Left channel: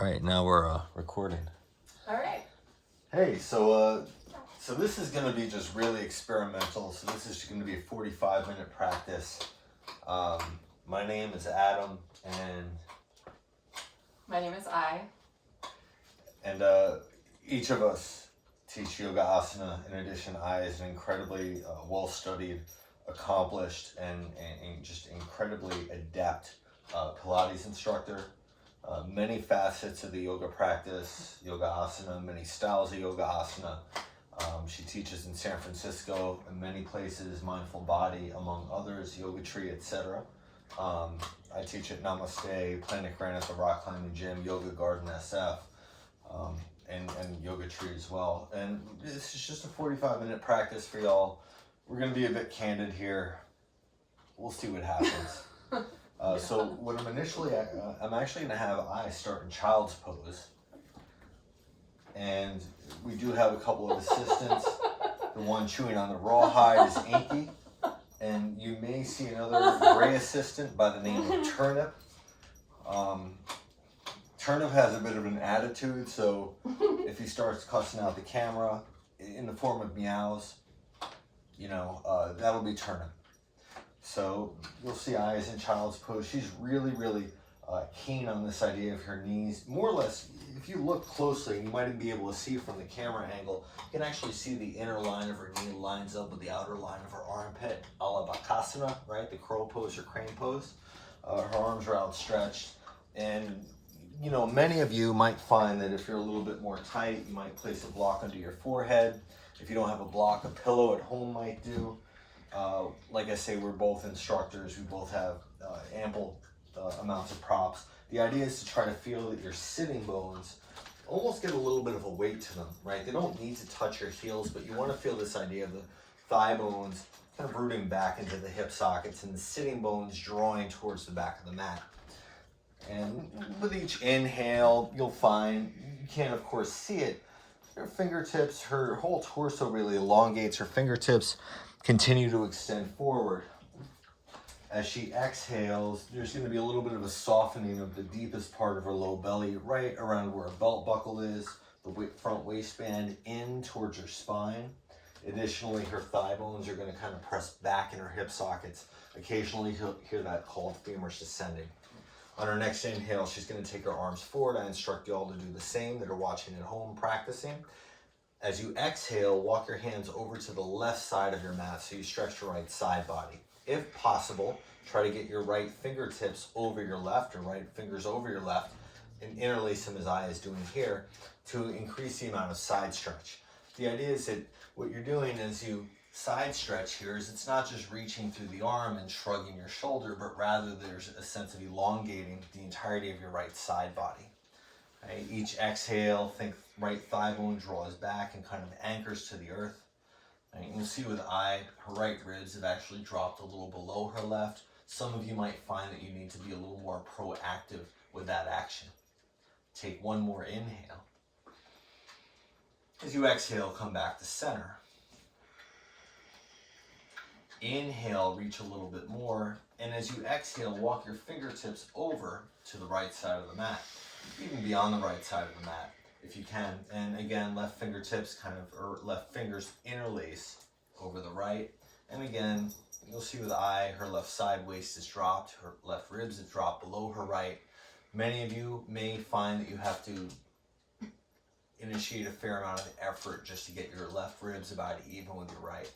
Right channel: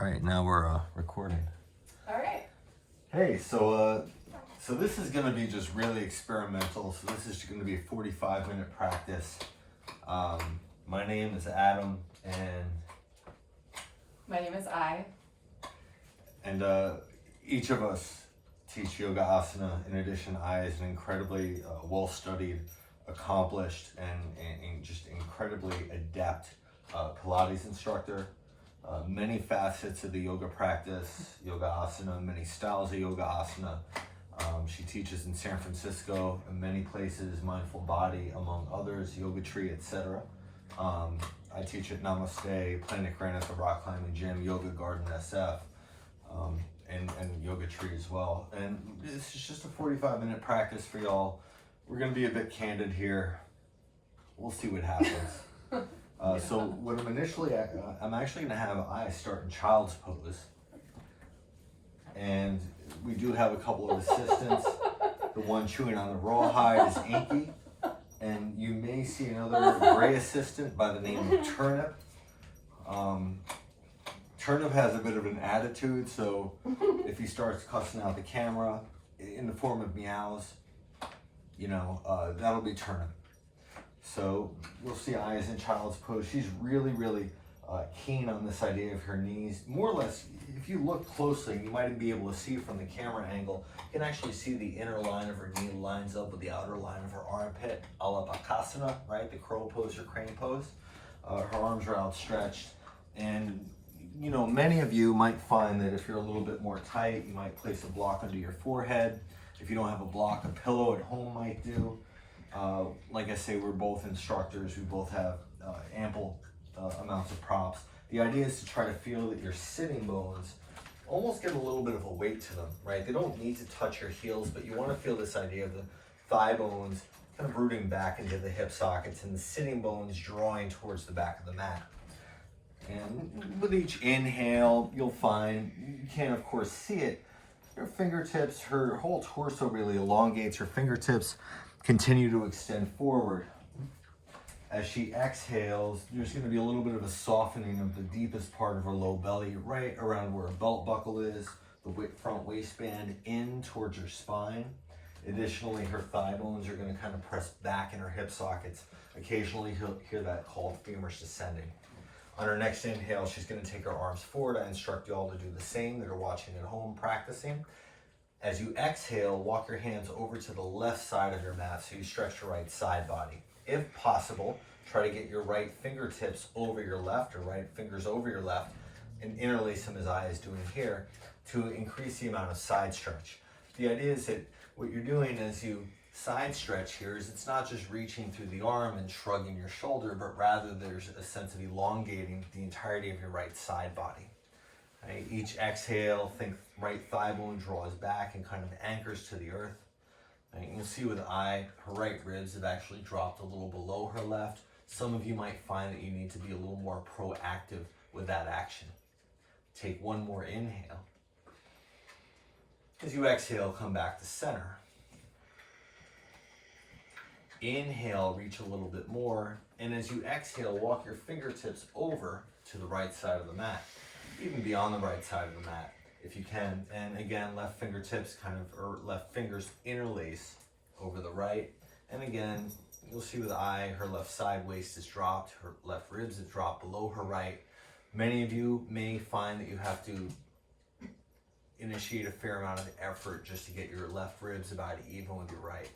All right, now we're recording. All right. Hey, so this is gonna be just really experimental. So this is gonna be a 45-minute practice. My name is Adam, and My name is Ay. And each of us teach yoga asana. In addition, Ay is an incredibly well-studied, accomplished, and just incredibly adept Pilates instructor. Many facets of the yoga practice, yoga asana, many styles of yoga asana. She teaches in San Francisco and many places, Mindful Body, among others, Yoga Tree, etc. I teach at Namaste, Planet Granite, the Rock Climbing Gym, Yoga Garden SF, and Yoga Tree as well. And this is just a 45-minute practice for y'all. We're gonna be a bit candid here. We'll see what happens. So what I'm actually gonna have Ay start in child's pose. And we do have a couple of assistants. The one chewing on the rawhide is Inky. And you may see another gray assistant by the name of Turnip. Turnip has a bit of an attitude, so if he starts cussing out the camera in the form of meows, that'll be Turnip. So we'll see Ay in child's pose. She's really, really keen on this idea of her knees. More or less, if you look closely, you might be able to see from the camera angle, you can actually see the inner line of her knee lines up with the outer line of her armpit, a la Bakasana, right? The crow pose or crane pose. Her arms are outstretched. And, many of you might find that if you're a little bit more tight, you might place a block under your forehead. If you don't have a block, a pillow at home might do. Like I say, we're both instructors. We both have ample amounts of props. The idea is to try to feel that your sitting bones almost give a little bit of a weight to them, right? They don't need to touch your heels, but you want to feel this idea of the thigh bones kind of rooting back into the hip sockets and the sitting bones drawing towards the back of the mat. And with each inhale, you'll find, you can't of course see it, her fingertips, her whole torso really elongates, her fingertips continue to extend forward. As she exhales, there's going to be a little bit of a softening of the deepest part of her low belly, right around where a belt buckle is, the front waistband in towards her spine. Additionally, her thigh bones are going to kind of press back in her hip sockets. Occasionally, you'll hear that called femurs descending. On her next inhale, she's going to take her arms forward. I instruct you all to do the same that are watching at home practicing. As you exhale, walk your hands over to the left side of your mat so you stretch your right side body. If possible, try to get your right fingertips over your left or right fingers over your left and interlace them as Ay is doing here to increase the amount of side stretch. The idea is that what you're doing as you side stretch here is it's not just reaching through the arm and shrugging your shoulder, but rather there's a sense of elongating the entirety of your right side body. Okay? Each exhale, think right thigh bone draws back and kind of anchors to the earth. And you can see with Ay, her right ribs have actually dropped a little below her left. Some of you might find that you need to be a little more proactive with that action. Take one more inhale. As you exhale, come back to center. Inhale, reach a little bit more. And as you exhale, walk your fingertips over to the right side of the mat, even beyond the right side of the mat, if you can. And again, left fingertips or left fingers interlace over the right. And again, you'll see with Ay, her left side waist is dropped, her left ribs have dropped below her right. Many of you may find that you have to initiate a fair amount of effort just to get your left ribs about even with your right.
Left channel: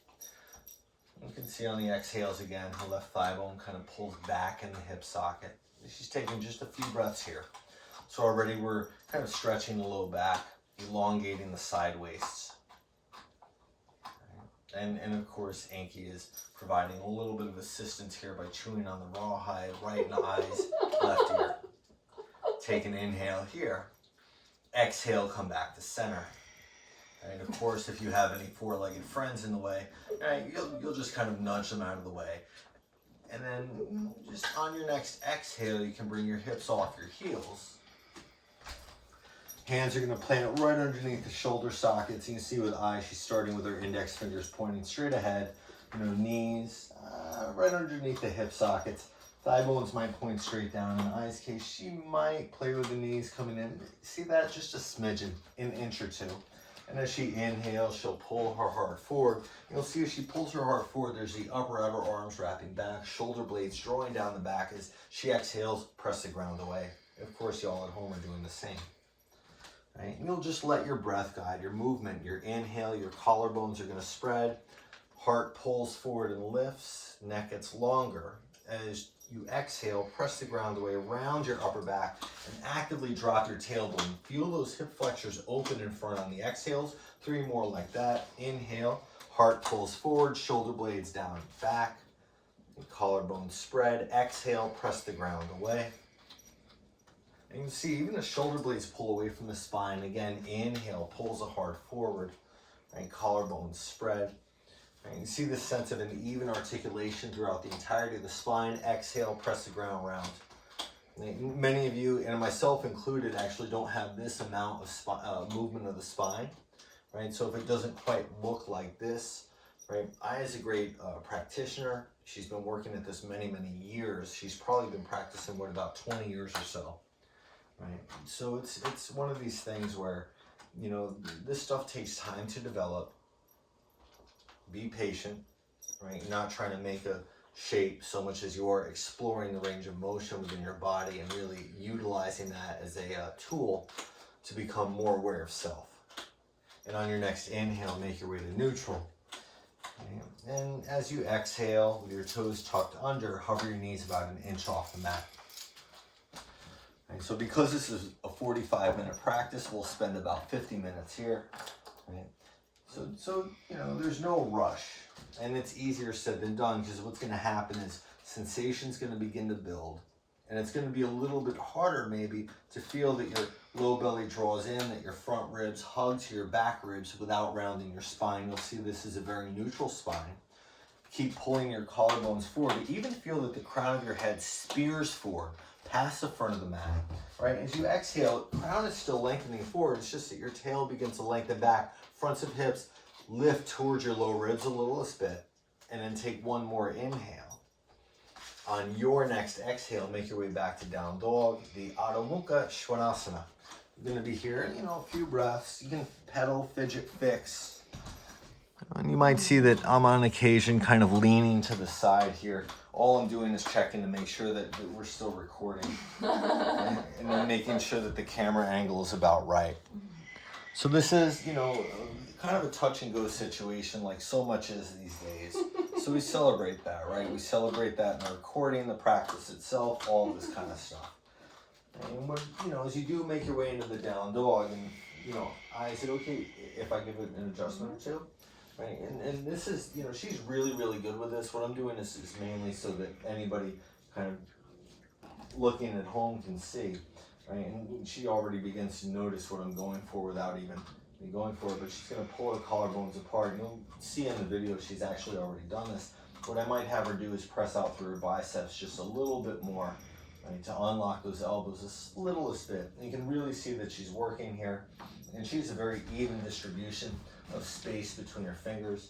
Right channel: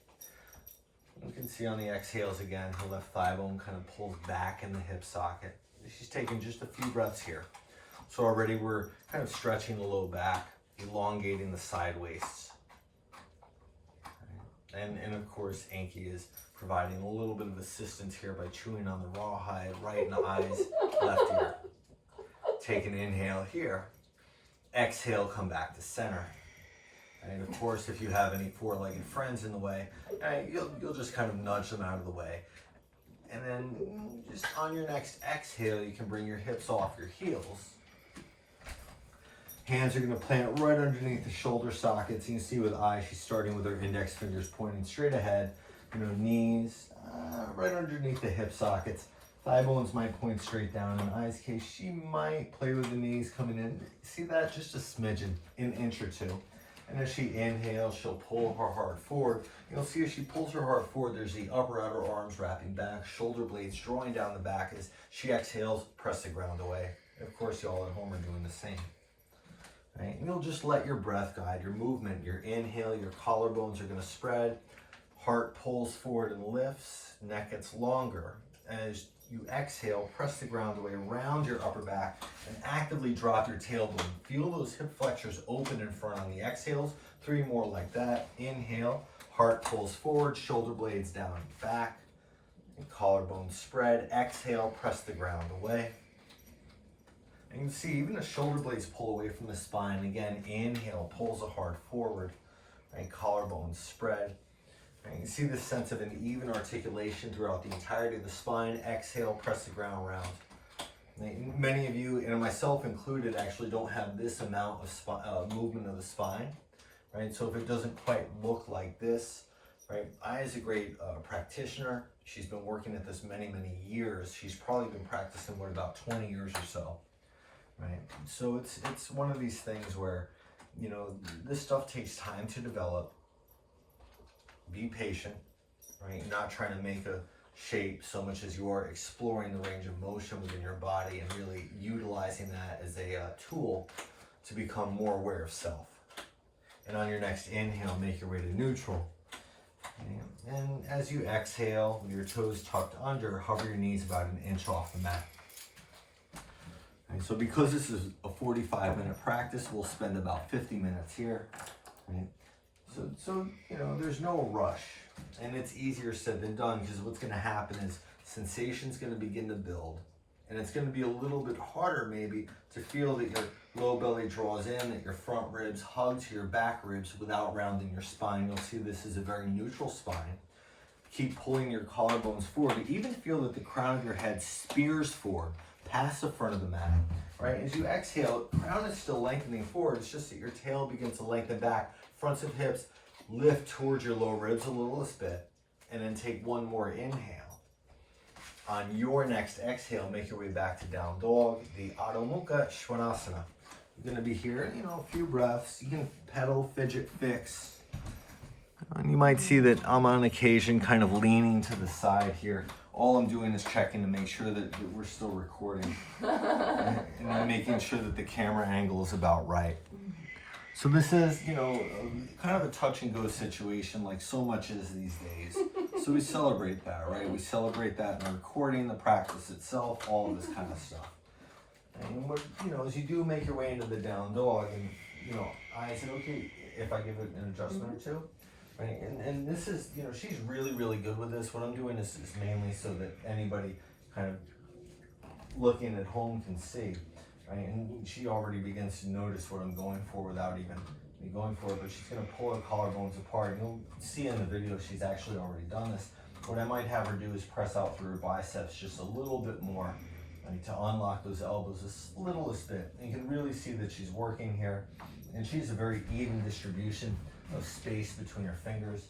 You can see on the exhales again, her left thigh bone kind of pulls back in the hip socket. She's taking just a few breaths here. So already we're kind of stretching the low back, elongating the side waists. And of course, Inky is providing a little bit of assistance here by chewing on the rawhide right in the Ay's left ear. Take an inhale here. Exhale, come back to center. And of course, if you have any four-legged friends in the way, you'll just kind of nudge them out of the way. And then just on your next exhale, you can bring your hips off your heels. Hands are going to plant right underneath the shoulder sockets. You can see with Ay, she's starting with her index fingers pointing straight ahead. Knees right underneath the hip sockets. Thigh bones might point straight down. In Ay's case, she might play with the knees coming in. See that? Just a smidgen, an inch or two. And as she inhales, she'll pull her heart forward. You'll see as she pulls her heart forward, there's the upper outer arms wrapping back, shoulder blades drawing down the back. As she exhales, press the ground away. Of course, y'all at home are doing the same. Right? And you'll just let your breath guide your movement. Your inhale, your collarbones are going to spread. Heart pulls forward and lifts. Neck gets longer. As you exhale, press the ground away around your upper back and actively drop your tailbone. Feel those hip flexors open in front on the exhales. 3 more like that. Inhale, heart pulls forward, shoulder blades down and back. And collarbones spread. Exhale, press the ground away. And you see even the shoulder blades pull away from the spine. Again, inhale, pulls the heart forward. And collarbones spread. And you see this sense of an even articulation throughout the entirety of the spine. Exhale, press the ground round. And many of you, and myself included, actually don't have this amount of movement of the spine, right? So if it doesn't quite look like this, right? Ay is a great practitioner. She's been working at this many, many years. She's probably been practicing, about 20 years or so, right? So it's one of these things where, this stuff takes time to develop. Be patient, right? Not trying to make a shape so much as you are exploring the range of motion within your body and really utilizing that as a tool to become more aware of self. And on your next inhale, make your way to neutral. Okay. And as you exhale, with your toes tucked under, hover your knees about an inch off the mat. And so because this is a 45-minute practice, we'll spend about 50 minutes here, right? So there's no rush, and it's easier said than done, because what's going to happen is sensation's going to begin to build, and it's going to be a little bit harder maybe to feel that your low belly draws in, that your front ribs hug to your back ribs without rounding your spine. You'll see this is a very neutral spine. Keep pulling your collarbones forward. Even feel that the crown of your head spears forward past the front of the mat, right? As you exhale, crown is still lengthening forward. It's just that your tail begins to lengthen back. Fronts of hips lift towards your low ribs a little bit, and then take one more inhale. On your next exhale, make your way back to down dog, the Adho Mukha Svanasana. You're going to be here, a few breaths. You can pedal, fidget, fix. And you might see that I'm on occasion kind of leaning to the side here. All I'm doing is checking to make sure that we're still recording. And then making sure that the camera angle is about right. So this is, kind of a touch and go situation, like so much is these days. So we celebrate that, right? We celebrate that in the recording, the practice itself, all of this kind of stuff. And what, as you do make your way into the down dog, and I said, okay, if I give it an adjustment or two, right? And this is, she's really, really good with this. What I'm doing is mainly so that anybody kind of looking at home can see. Right? And she already begins to notice what I'm going for without even me going for it, but she's going to pull her collarbones apart. You'll see in the video she's actually already done this. What I might have her do is press out through her biceps just a little bit more, right, to unlock those elbows a littlest bit. And you can really see that she's working here, and she's a very even distribution of space between her fingers.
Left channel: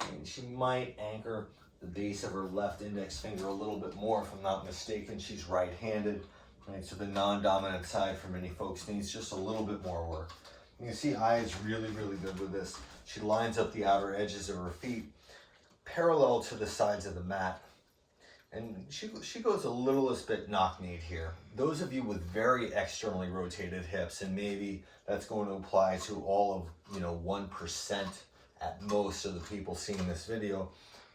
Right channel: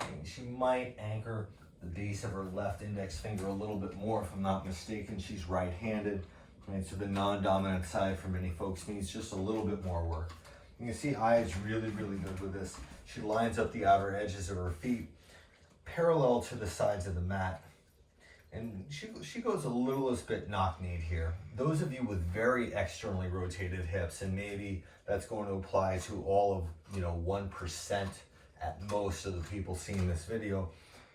And she might anchor the base of her left index finger a little bit more, if I'm not mistaken. She's right-handed. Right, so the non-dominant side for many folks needs just a little bit more work. You can see Ay is really, really good with this. She lines up the outer edges of her feet parallel to the sides of the mat. And she goes a littlest bit knock-kneed here. Those of you with very externally rotated hips, and maybe that's going to apply to all of, 1% at most of the people seeing this video,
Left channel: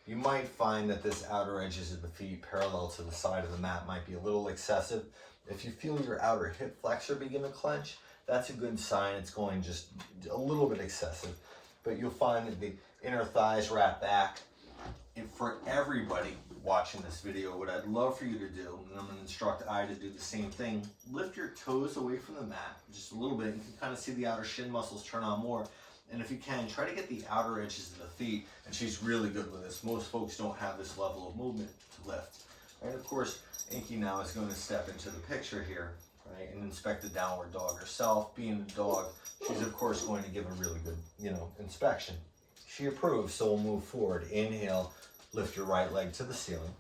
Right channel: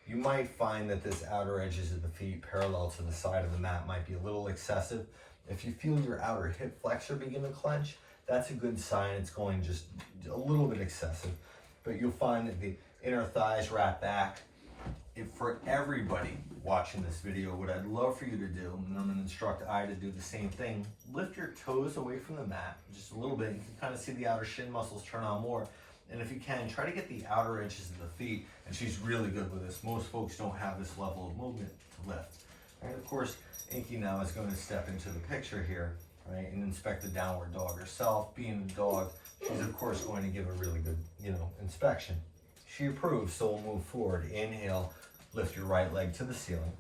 you might find that this outer edges of the feet parallel to the side of the mat might be a little excessive. If you feel your outer hip flexor begin to clench, that's a good sign it's going just a little bit excessive. But you'll find that the inner thighs wrap back. And for everybody watching this video, what I'd love for you to do, and I'm going to instruct Ay to do the same thing, lift your toes away from the mat just a little bit. You can kind of see the outer shin muscles turn on more. And if you can, try to get the outer edges of the feet. And she's really good with this. Most folks don't have this level of movement to lift. And of course, Inky now is going to step into the picture here, right, and inspect the downward dog herself. Being a dog, she's of course going to give a really good, inspection. She approves, so we'll move forward. Inhale, lift your right leg to the ceiling.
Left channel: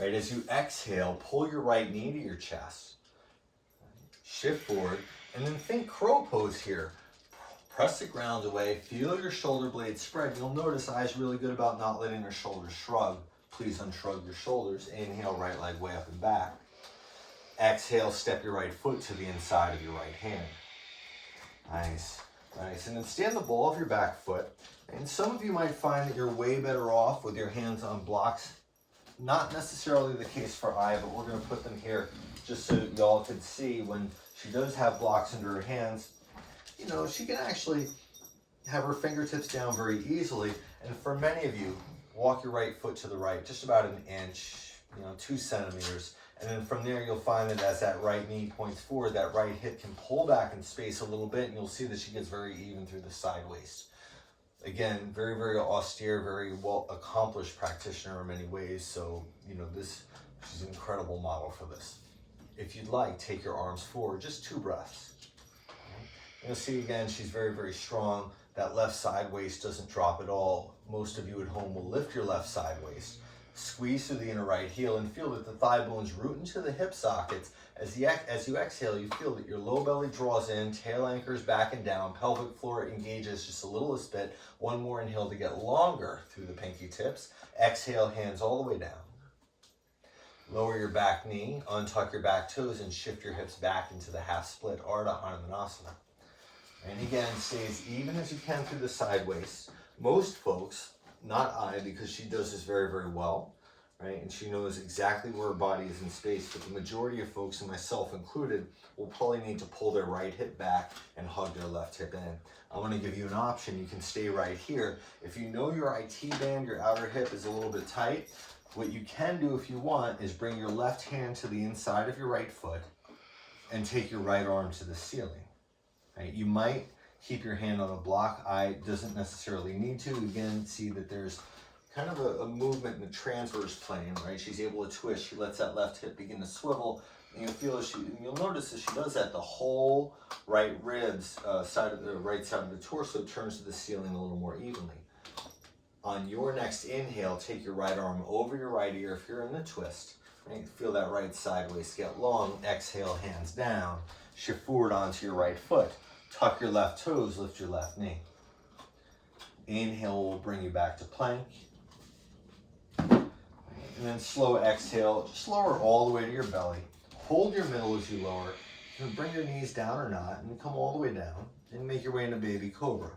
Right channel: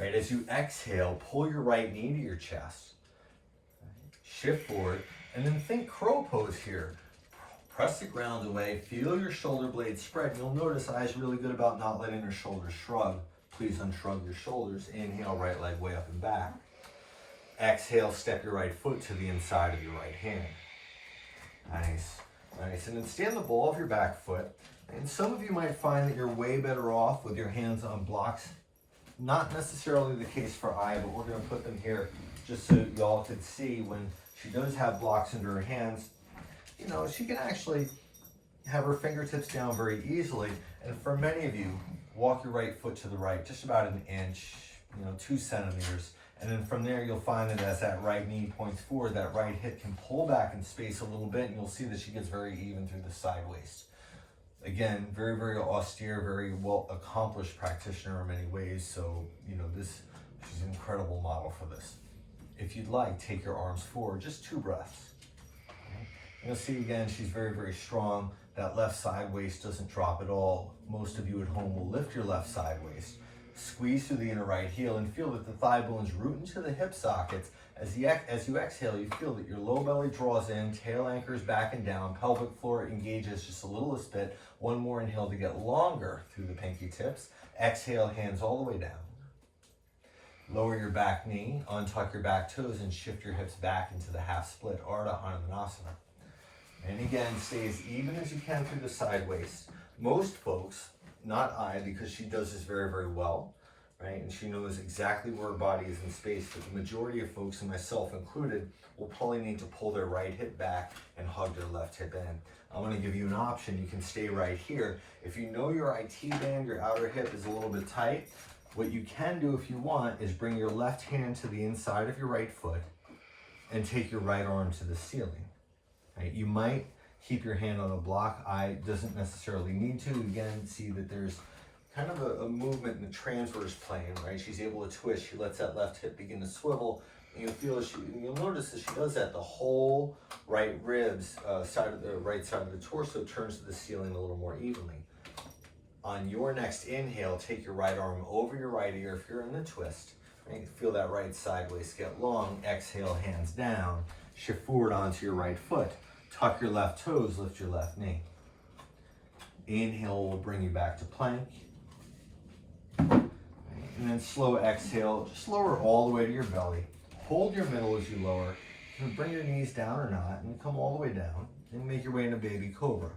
Right, as you exhale, pull your right knee to your chest. Shift forward, and then think crow pose here. Press the ground away, feel your shoulder blades spread. You'll notice Ay's really good about not letting her shoulders shrug. Please unshrug your shoulders. Inhale, right leg way up and back. Exhale, step your right foot to the inside of your right hand. Nice, nice. And then stand the ball of your back foot. And some of you might find that you're way better off with your hands on blocks. Not necessarily the case for Ay, but we're going to put them here just so y'all could see when she does have blocks under her hands. You know, she can actually have her fingertips down very easily. And for many of you, walk your right foot to the right, just about an inch, 2 centimeters. And then from there, you'll find that as that right knee points forward, that right hip can pull back in space a little bit, and you'll see that she gets very even through the side waist. Again, very, very austere, very well accomplished practitioner in many ways. So, she's an incredible model for this. If you'd like, take your arms forward, just 2 breaths. You'll see again, she's very, very strong. That left side waist doesn't drop at all. Most of you at home will lift your left side waist. Squeeze through the inner right heel and feel that the thigh bones root into the hip sockets. As you exhale, you feel that your low belly draws in, tail anchors back and down, pelvic floor engages just a little bit. One more inhale to get longer through the pinky tips. Exhale, hands all the way down. Lower your back knee, untuck your back toes, and shift your hips back into the half split, Ardha Hanumanasana. And again, stay as even as you can through the side waist. Most folks, not Ay, because she does this very, very well, right? And she knows exactly where her body is in space, but the majority of folks, and myself included, will probably need to pull their right hip back and hug their left hip in. I'm going to give you an option. You can stay right here. If you know your IT band, your outer hip is a little bit tight, what you can do if you want is bring your left hand to the inside of your right foot and take your right arm to the ceiling. Right? You might keep your hand on the block. Ay doesn't necessarily need to. Again, see that there's kind of a movement in the transverse plane, right? She's able to twist. She lets that left hip begin to swivel. And you'll notice that she does that. The whole right ribs, right side of the torso turns to the ceiling a little more evenly. On your next inhale, take your right arm over your right ear if you're in a twist. Right? Feel that right side waist get long. Exhale, hands down. Shift forward onto your right foot. Tuck your left toes, lift your left knee. Inhale will bring you back to plank. And then slow exhale, just lower all the way to your belly. Hold your middle as you lower. And bring your knees down or not, and come all the way down. And make your way into baby cobra.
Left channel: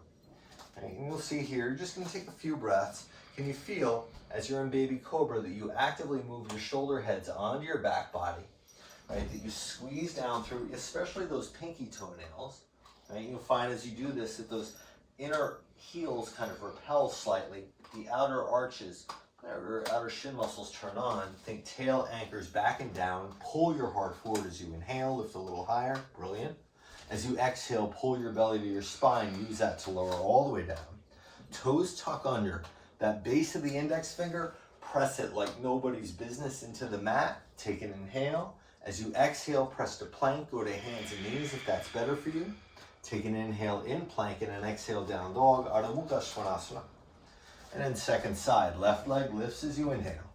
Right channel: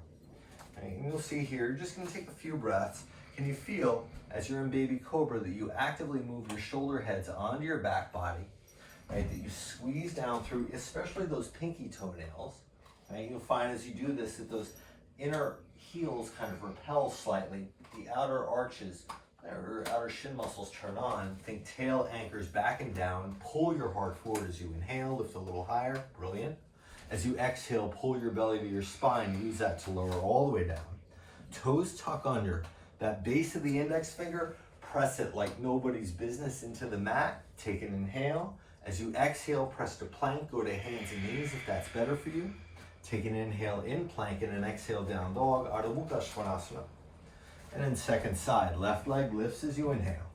And you'll see here, you're just going to take a few breaths. Can you feel, as you're in baby cobra, that you actively move your shoulder heads onto your back body? Right, that you squeeze down through, especially those pinky toenails. Right, you'll find as you do this that those inner heels kind of repel slightly. The outer arches, or outer shin muscles turn on. Think tail anchors back and down. Pull your heart forward as you inhale, lift a little higher. Brilliant. As you exhale, pull your belly to your spine. Use that to lower all the way down. Toes tuck under. That base of the index finger, press it like nobody's business into the mat. Take an inhale. As you exhale, press to plank. Go to hands and knees if that's better for you. Take an inhale in plank and an exhale down dog, Ardha Svanasana. And then second side, left leg lifts as you inhale.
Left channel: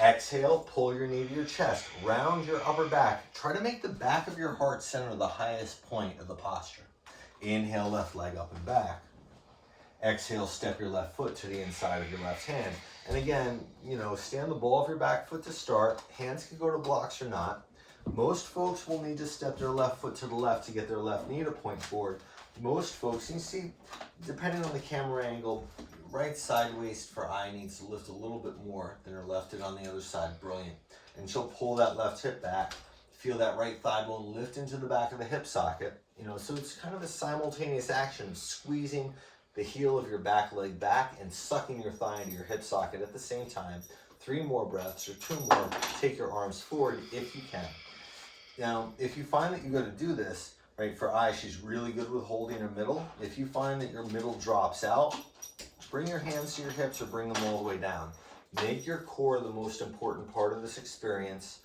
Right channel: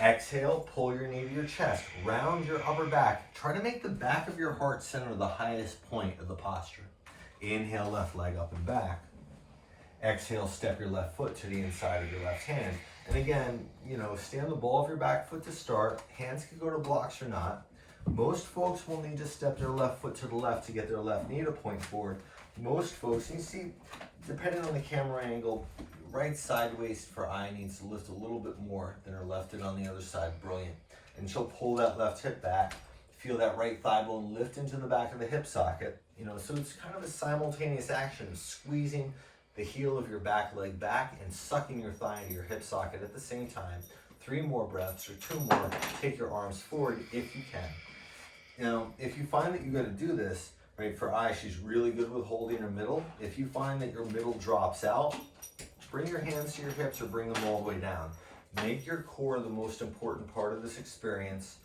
Exhale, pull your knee to your chest, round your upper back. Try to make the back of your heart center the highest point of the posture. Inhale, left leg up and back. Exhale, step your left foot to the inside of your left hand. And again, stand the ball of your back foot to start. Hands can go to blocks or not. Most folks will need to step their left foot to the left to get their left knee to point forward. Most folks, you see, depending on the camera angle, right side waist for Ay needs to lift a little bit more than her left hip on the other side. Brilliant. And she'll pull that left hip back. Feel that right thigh bone lift into the back of the hip socket. So it's kind of a simultaneous action, squeezing the heel of your back leg back and sucking your thigh into your hip socket at the same time. 3 more breaths or 2 more. Take your arms forward if you can. Now, if you find that you're going to do this, right, for Ay, she's really good with holding her middle. If you find that your middle drops out, bring your hands to your hips or bring them all the way down. Make your core the most important part of this experience.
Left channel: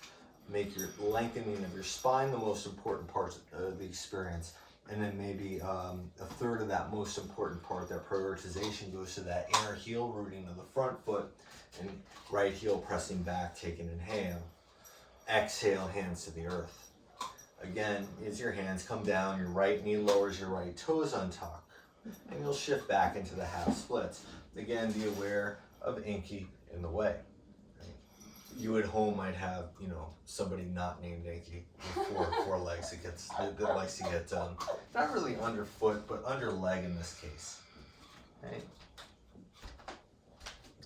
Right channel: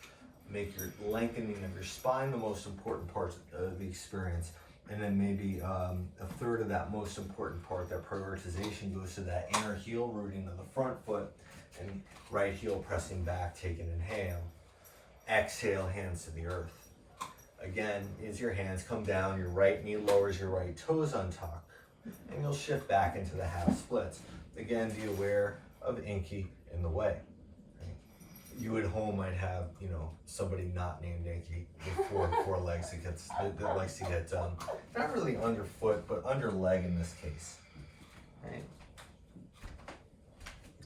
Make your lengthening of your spine the most important part of the experience. And then maybe a third of that most important part, that prioritization, goes to that inner heel rooting of the front foot. And right heel pressing back, take an inhale. Exhale, hands to the earth. Again, as your hands come down, your right knee lowers, your right toes untuck. And you'll shift back into the half splits. Again, be aware of Inky in the way. You at home might have, somebody not named Inky with four legs that likes to get not really underfoot, but under leg in this case. Right?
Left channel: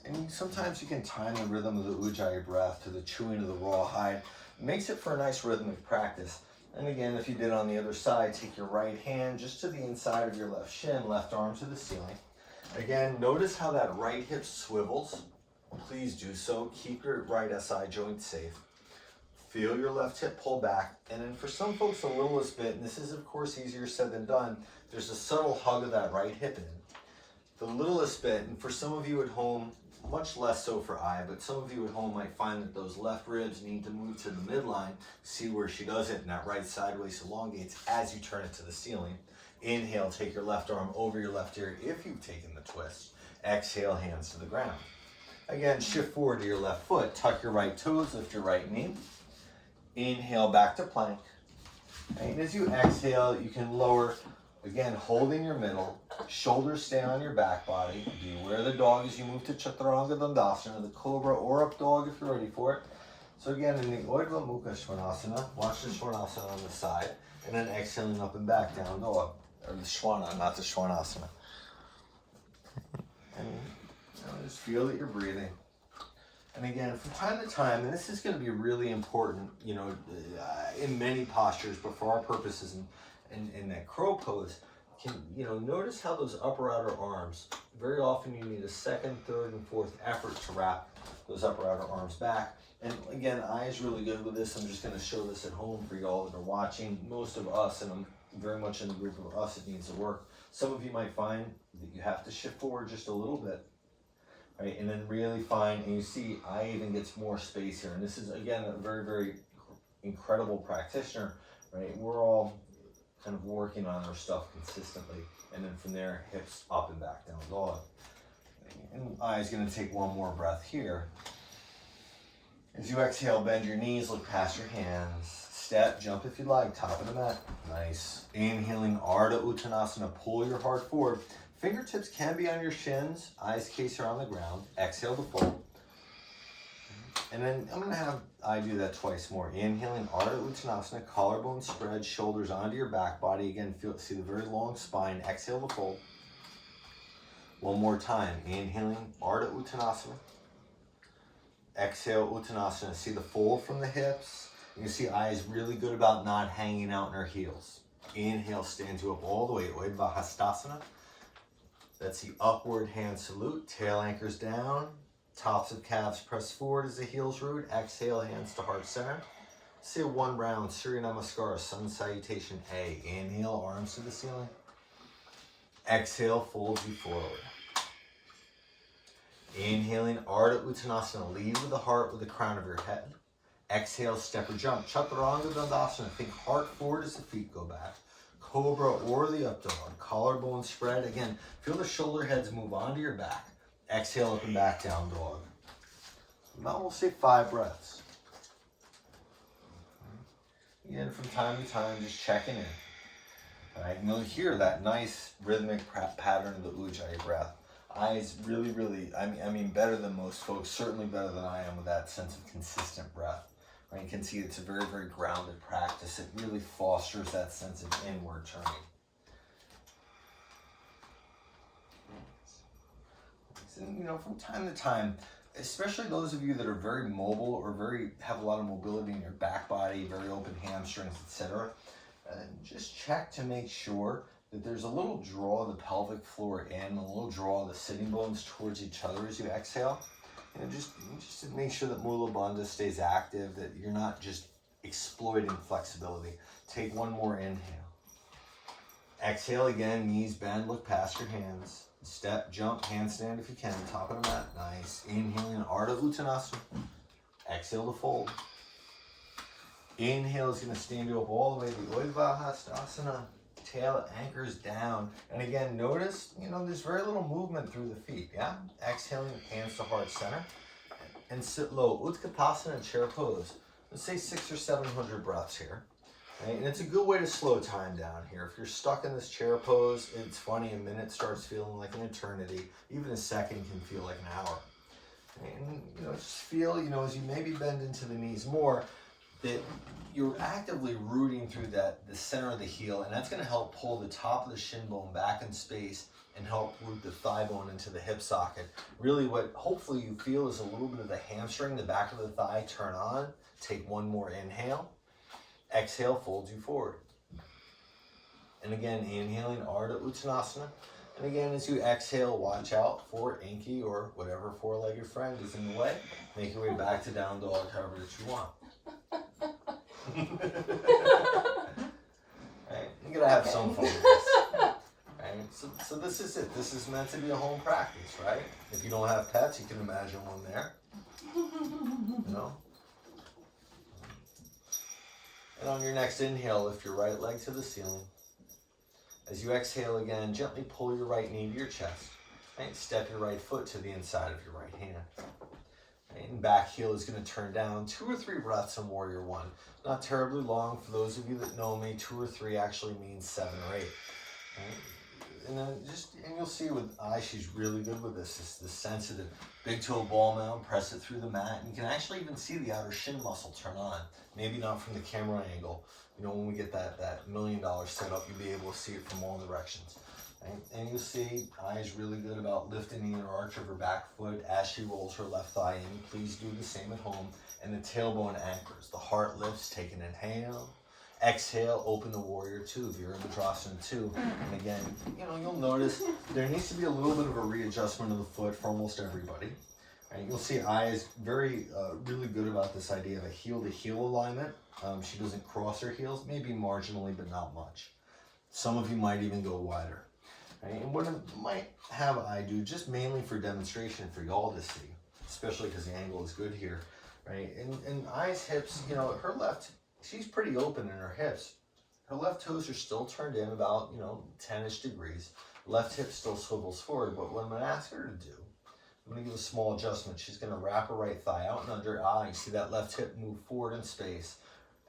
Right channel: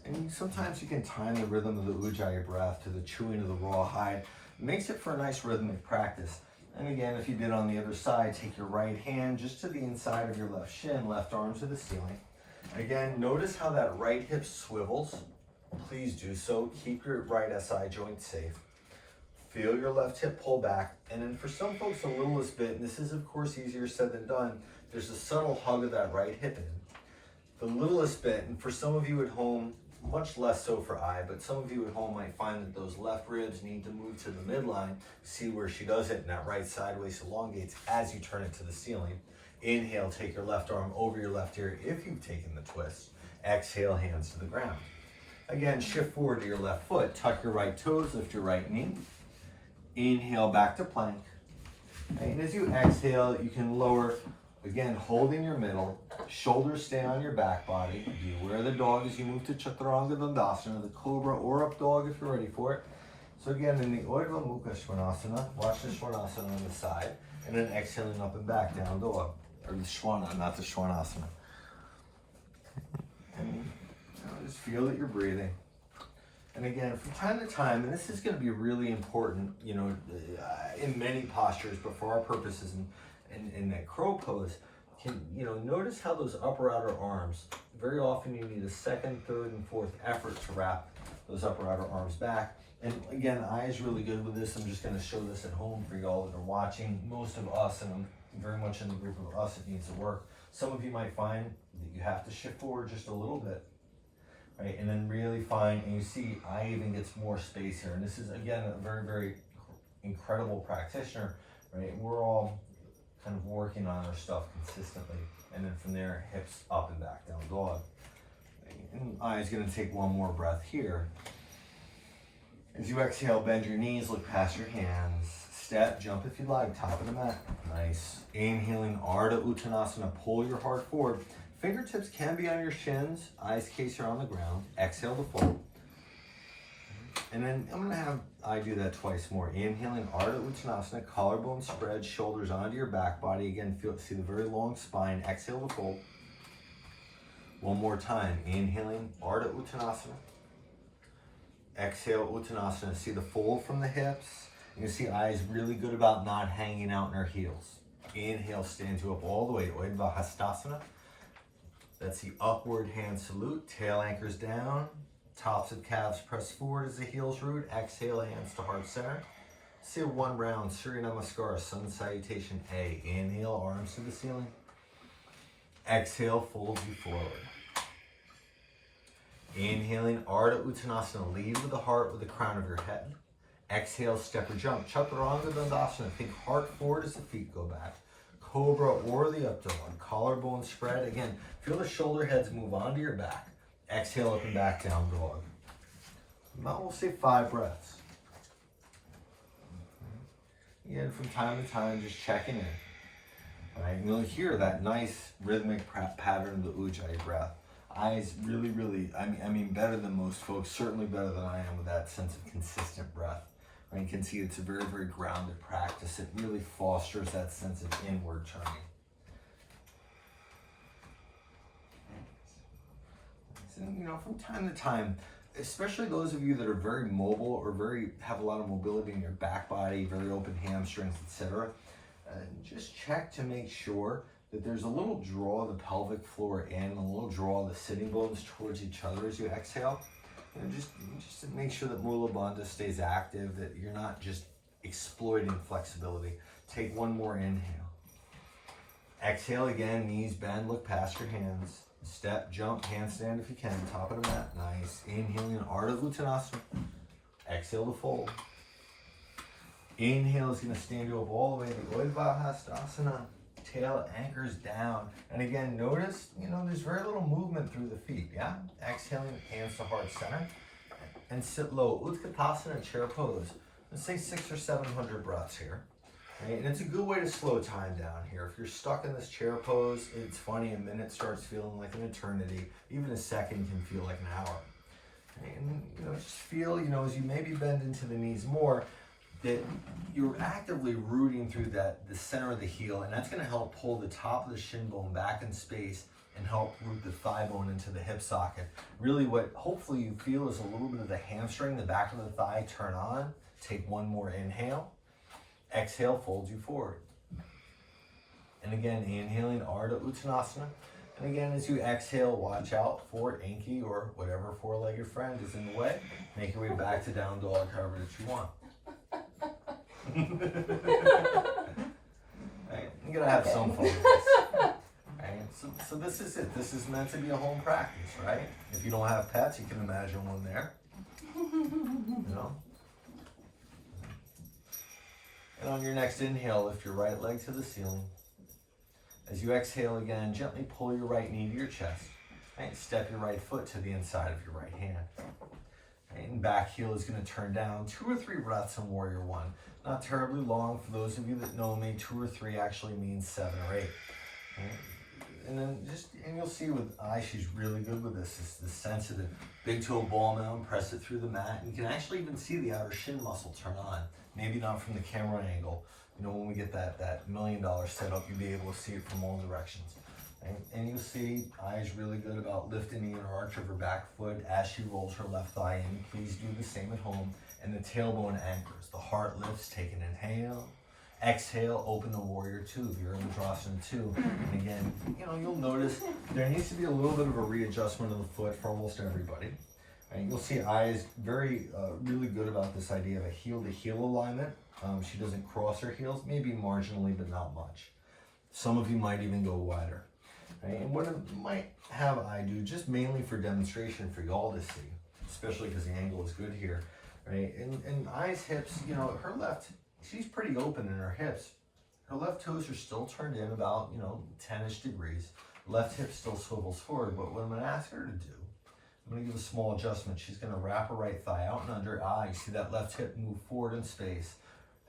And sometimes you can time the rhythm of the Ujjayi breath to the chewing of the raw hide. It makes it for a nice rhythmic practice. And again, if you did on the other side, take your right hand just to the inside of your left shin, left arm to the ceiling. Again, notice how that right hip swivels. Please do so. Keep your right SI joint safe. Feel your left hip pull back. And then for some folks, the littlest bit, and this is of course easier said than done, there's a subtle hug of that right hip in. The littlest bit, and for some of you at home, much less so for I, but some of you at home might find that those left ribs need to move to the midline. See where she does it, and that right sideways elongates as you turn it to the ceiling. Inhale, take your left arm over your left ear if you've taken the twist. Exhale, hands to the ground. Again, shift forward to your left foot, tuck your right toes, lift your right knee. Inhale, back to plank. And as you exhale, you can lower, again, holding your middle, shoulders stay on your back body. Be aware of the dog as you move to Chaturanga Dandasana, the cobra or up dog if you're ready for it. So again, in the Urdhva Mukha Svanasana, watch the Svanasana on the side, and then exhaling up and back, down dog. Or the Shwana, not the Svanasana. And just feel that you're breathing. And again, from time to time, and this is going to be really important, in many postures, but for our purposes in that crow pose, notice how those upper outer arms, very often you need a second, third, and fourth effort to wrap those upper outer arms back. And again, I is really good with this. I'm just going to show this at home for y'all that are watching. Most of us, and I'm very much in the group of us, it needs to work. Some of you might find that you have to shift forward just a little bit. Right, and then really find, and you see I even gets more space here. And this is, again, a very, very incredible practitioner, right? We're all kind of working on our stuff consistently. And then from there, hips up and back, down dog. And I is gonna take one more breath here. As you exhale, bend your knees, look past your hands. Step, jump if you like, top of the mat. Nice. Inhaling, Ardha Uttanasana, pull your heart forward. Fingertips can be on your shins, eyes case are on the ground. Exhale to fold. And then I'm gonna have I do that twice more. Inhaling, Ardha Uttanasana, collarbone spread, shoulders onto your back body. Again, see the very long spine. Exhale to fold. One more time. Inhaling, Ardha Uttanasana. Exhale, Uttanasana. See the fold from the hips. You see eyes really good about not hanging out in her heels. Inhale, stand you up all the way. Urdhva Hastasana. That's the upward hand salute. Tail anchors down. Tops of calves press forward as the heels root. Exhale, hands to heart center. See a one round Surya Namaskar, Sun Salutation A. Inhale, arms to the ceiling. Exhale, fold you forward. Inhaling, Ardha Uttanasana. Lead with the heart with the crown of your head. Exhale, step or jump. Chaturanga Dandasana. Think heart forward as the feet go back. Cobra or the up dog. Collarbone spread. Again, feel the shoulder heads move onto your back. Exhale up and back, down dog. Now we'll say 5 breaths. Again, from time to time, just checking in. All right, and you'll hear that nice rhythmic pattern of the Ujjayi breath. Eyes really, really, I mean, better than most folks, certainly better than I am with that sense of consistent breath. And you can see it's a very, very grounded practice. It really fosters that sense of inward turning. And, from time to time, especially those of you that are very mobile or have a lot of mobility in your back body, very open hamstrings, etc., just check to make sure that there's a little draw of the pelvic floor in, a little draw of the sitting bones towards each other as you exhale. Just to make sure that Mula Bandha stays active, that you're not just exploiting flexibility. Take one more inhale. Exhale again, knees bend, look past your hands. Step, jump, handstand if you can, top of the mat, nice. Inhaling, Ardha Uttanasana. Exhale to fold. Inhale is gonna stand you up all the way to Urdhva Hastasana. Tail anchors down. And again, notice, there's very little movement through the feet, yeah? Exhaling, hands to heart center. and sit low. Utkatasana, chair pose. Let's say 600 or 700 breaths here. Right? And it's a good way to slow time down here. If you're stuck in this chair pose, it's funny, a minute starts feeling like an eternity. Even a second can feel like an hour. And just feel, as you maybe bend into the knees more, that you're actively rooting through the center of the heel, and that's going to help pull the top of the shin bone back in space and help root the thigh bone into the hip socket. Really what hopefully you feel is a little bit of the hamstring, the back of the thigh turn on. Take one more inhale. Exhale, folds you forward. And again, inhaling Ardha Uttanasana. And again, as you exhale, watch out for Inky or whatever four-legged friend is in the way. Make your way back to down dog, however that you want. Right? You gotta have some fun with this. Right? So this is it. This is meant to be a home practice, right? If you don't have pets, you can imagine one there. And on your next inhale, lift your right leg to the ceiling. As you exhale again, gently pull your right knee to your chest. And step your right foot to the inside of your right hand. And back heel is going to turn down. 2 or 3 breaths in Warrior One. Not terribly long. For those of you that know me, 2 or 3 actually means 7 or 8. Right? And then you'll see with Ay, she's really good with this. It's the sense of the big toe ball mound, press it through the mat. And you can actually even see the outer shin muscle turn on. Maybe not from the camera angle. When we get that $1 million setup, you'll be able to see it from all directions. Right? And you'll see Ay is really good about lifting the inner arch of her back foot as she rolls her left thigh in. Please do the same at home. And the tailbone anchors. The heart lifts, take an inhale. Exhale, open the Warrior Two, Virabhadrasana 2. And again, you'll notice there needs to be a little bit of a readjustment of the foot for almost everybody. And you'll see Ay is really good about this idea of a heel-to-heel alignment. She doesn't cross her heels, maybe marginally, but not much. Some of you might even go wider. Right? And what it might have Ay do, just mainly for demonstration for y'all to see, especially because the angle is good here. Right? And Ay's hips, her left, she's pretty open in her hips. Her left toes are still turned in about, 10-ish degrees. Left hip still swivels forward, but what I'm going to ask her to do, I'm going to give a small adjustment. She's going to wrap her right thigh out and under. You see that left hip move forward in space,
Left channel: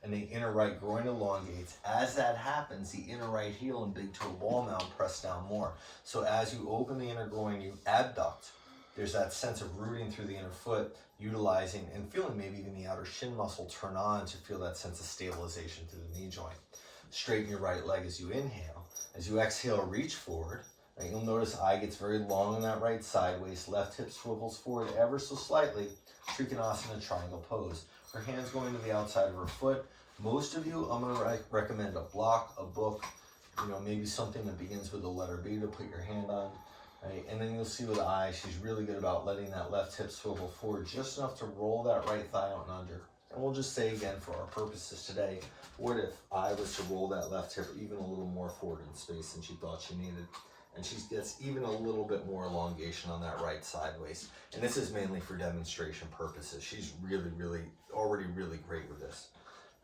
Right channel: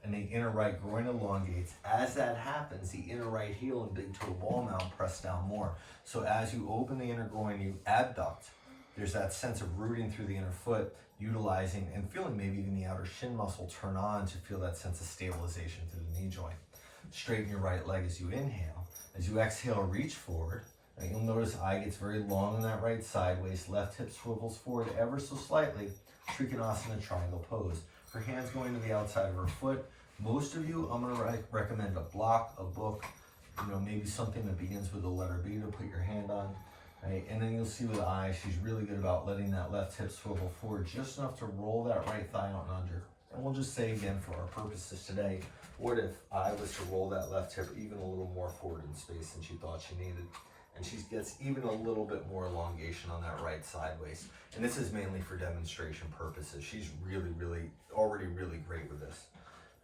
and the inner right groin elongates. As that happens, the inner right heel and big toe ball mound press down more. So as you open the inner groin, you abduct. There's that sense of rooting through the inner foot, utilizing and feeling maybe even the outer shin muscle turn on to feel that sense of stabilization through the knee joint. Straighten your right leg as you inhale. As you exhale, reach forward. And you'll notice Ay gets very long on that right side waist. Left hip swivels forward ever so slightly. Trikonasana, triangle pose. Her hands going to the outside of her foot. Most of you, I'm going to recommend a block, a book, maybe something that begins with the letter B to put your hand on. Right? And then you'll see with Ay, she's really good about letting that left hip swivel forward just enough to roll that right thigh out and under. And we'll just say again for our purposes today, what if Ay was to roll that left hip even a little more forward in space than she thought she needed? And she gets even a little bit more elongation on that right side waist. And this is mainly for demonstration purposes. She's already really great with this.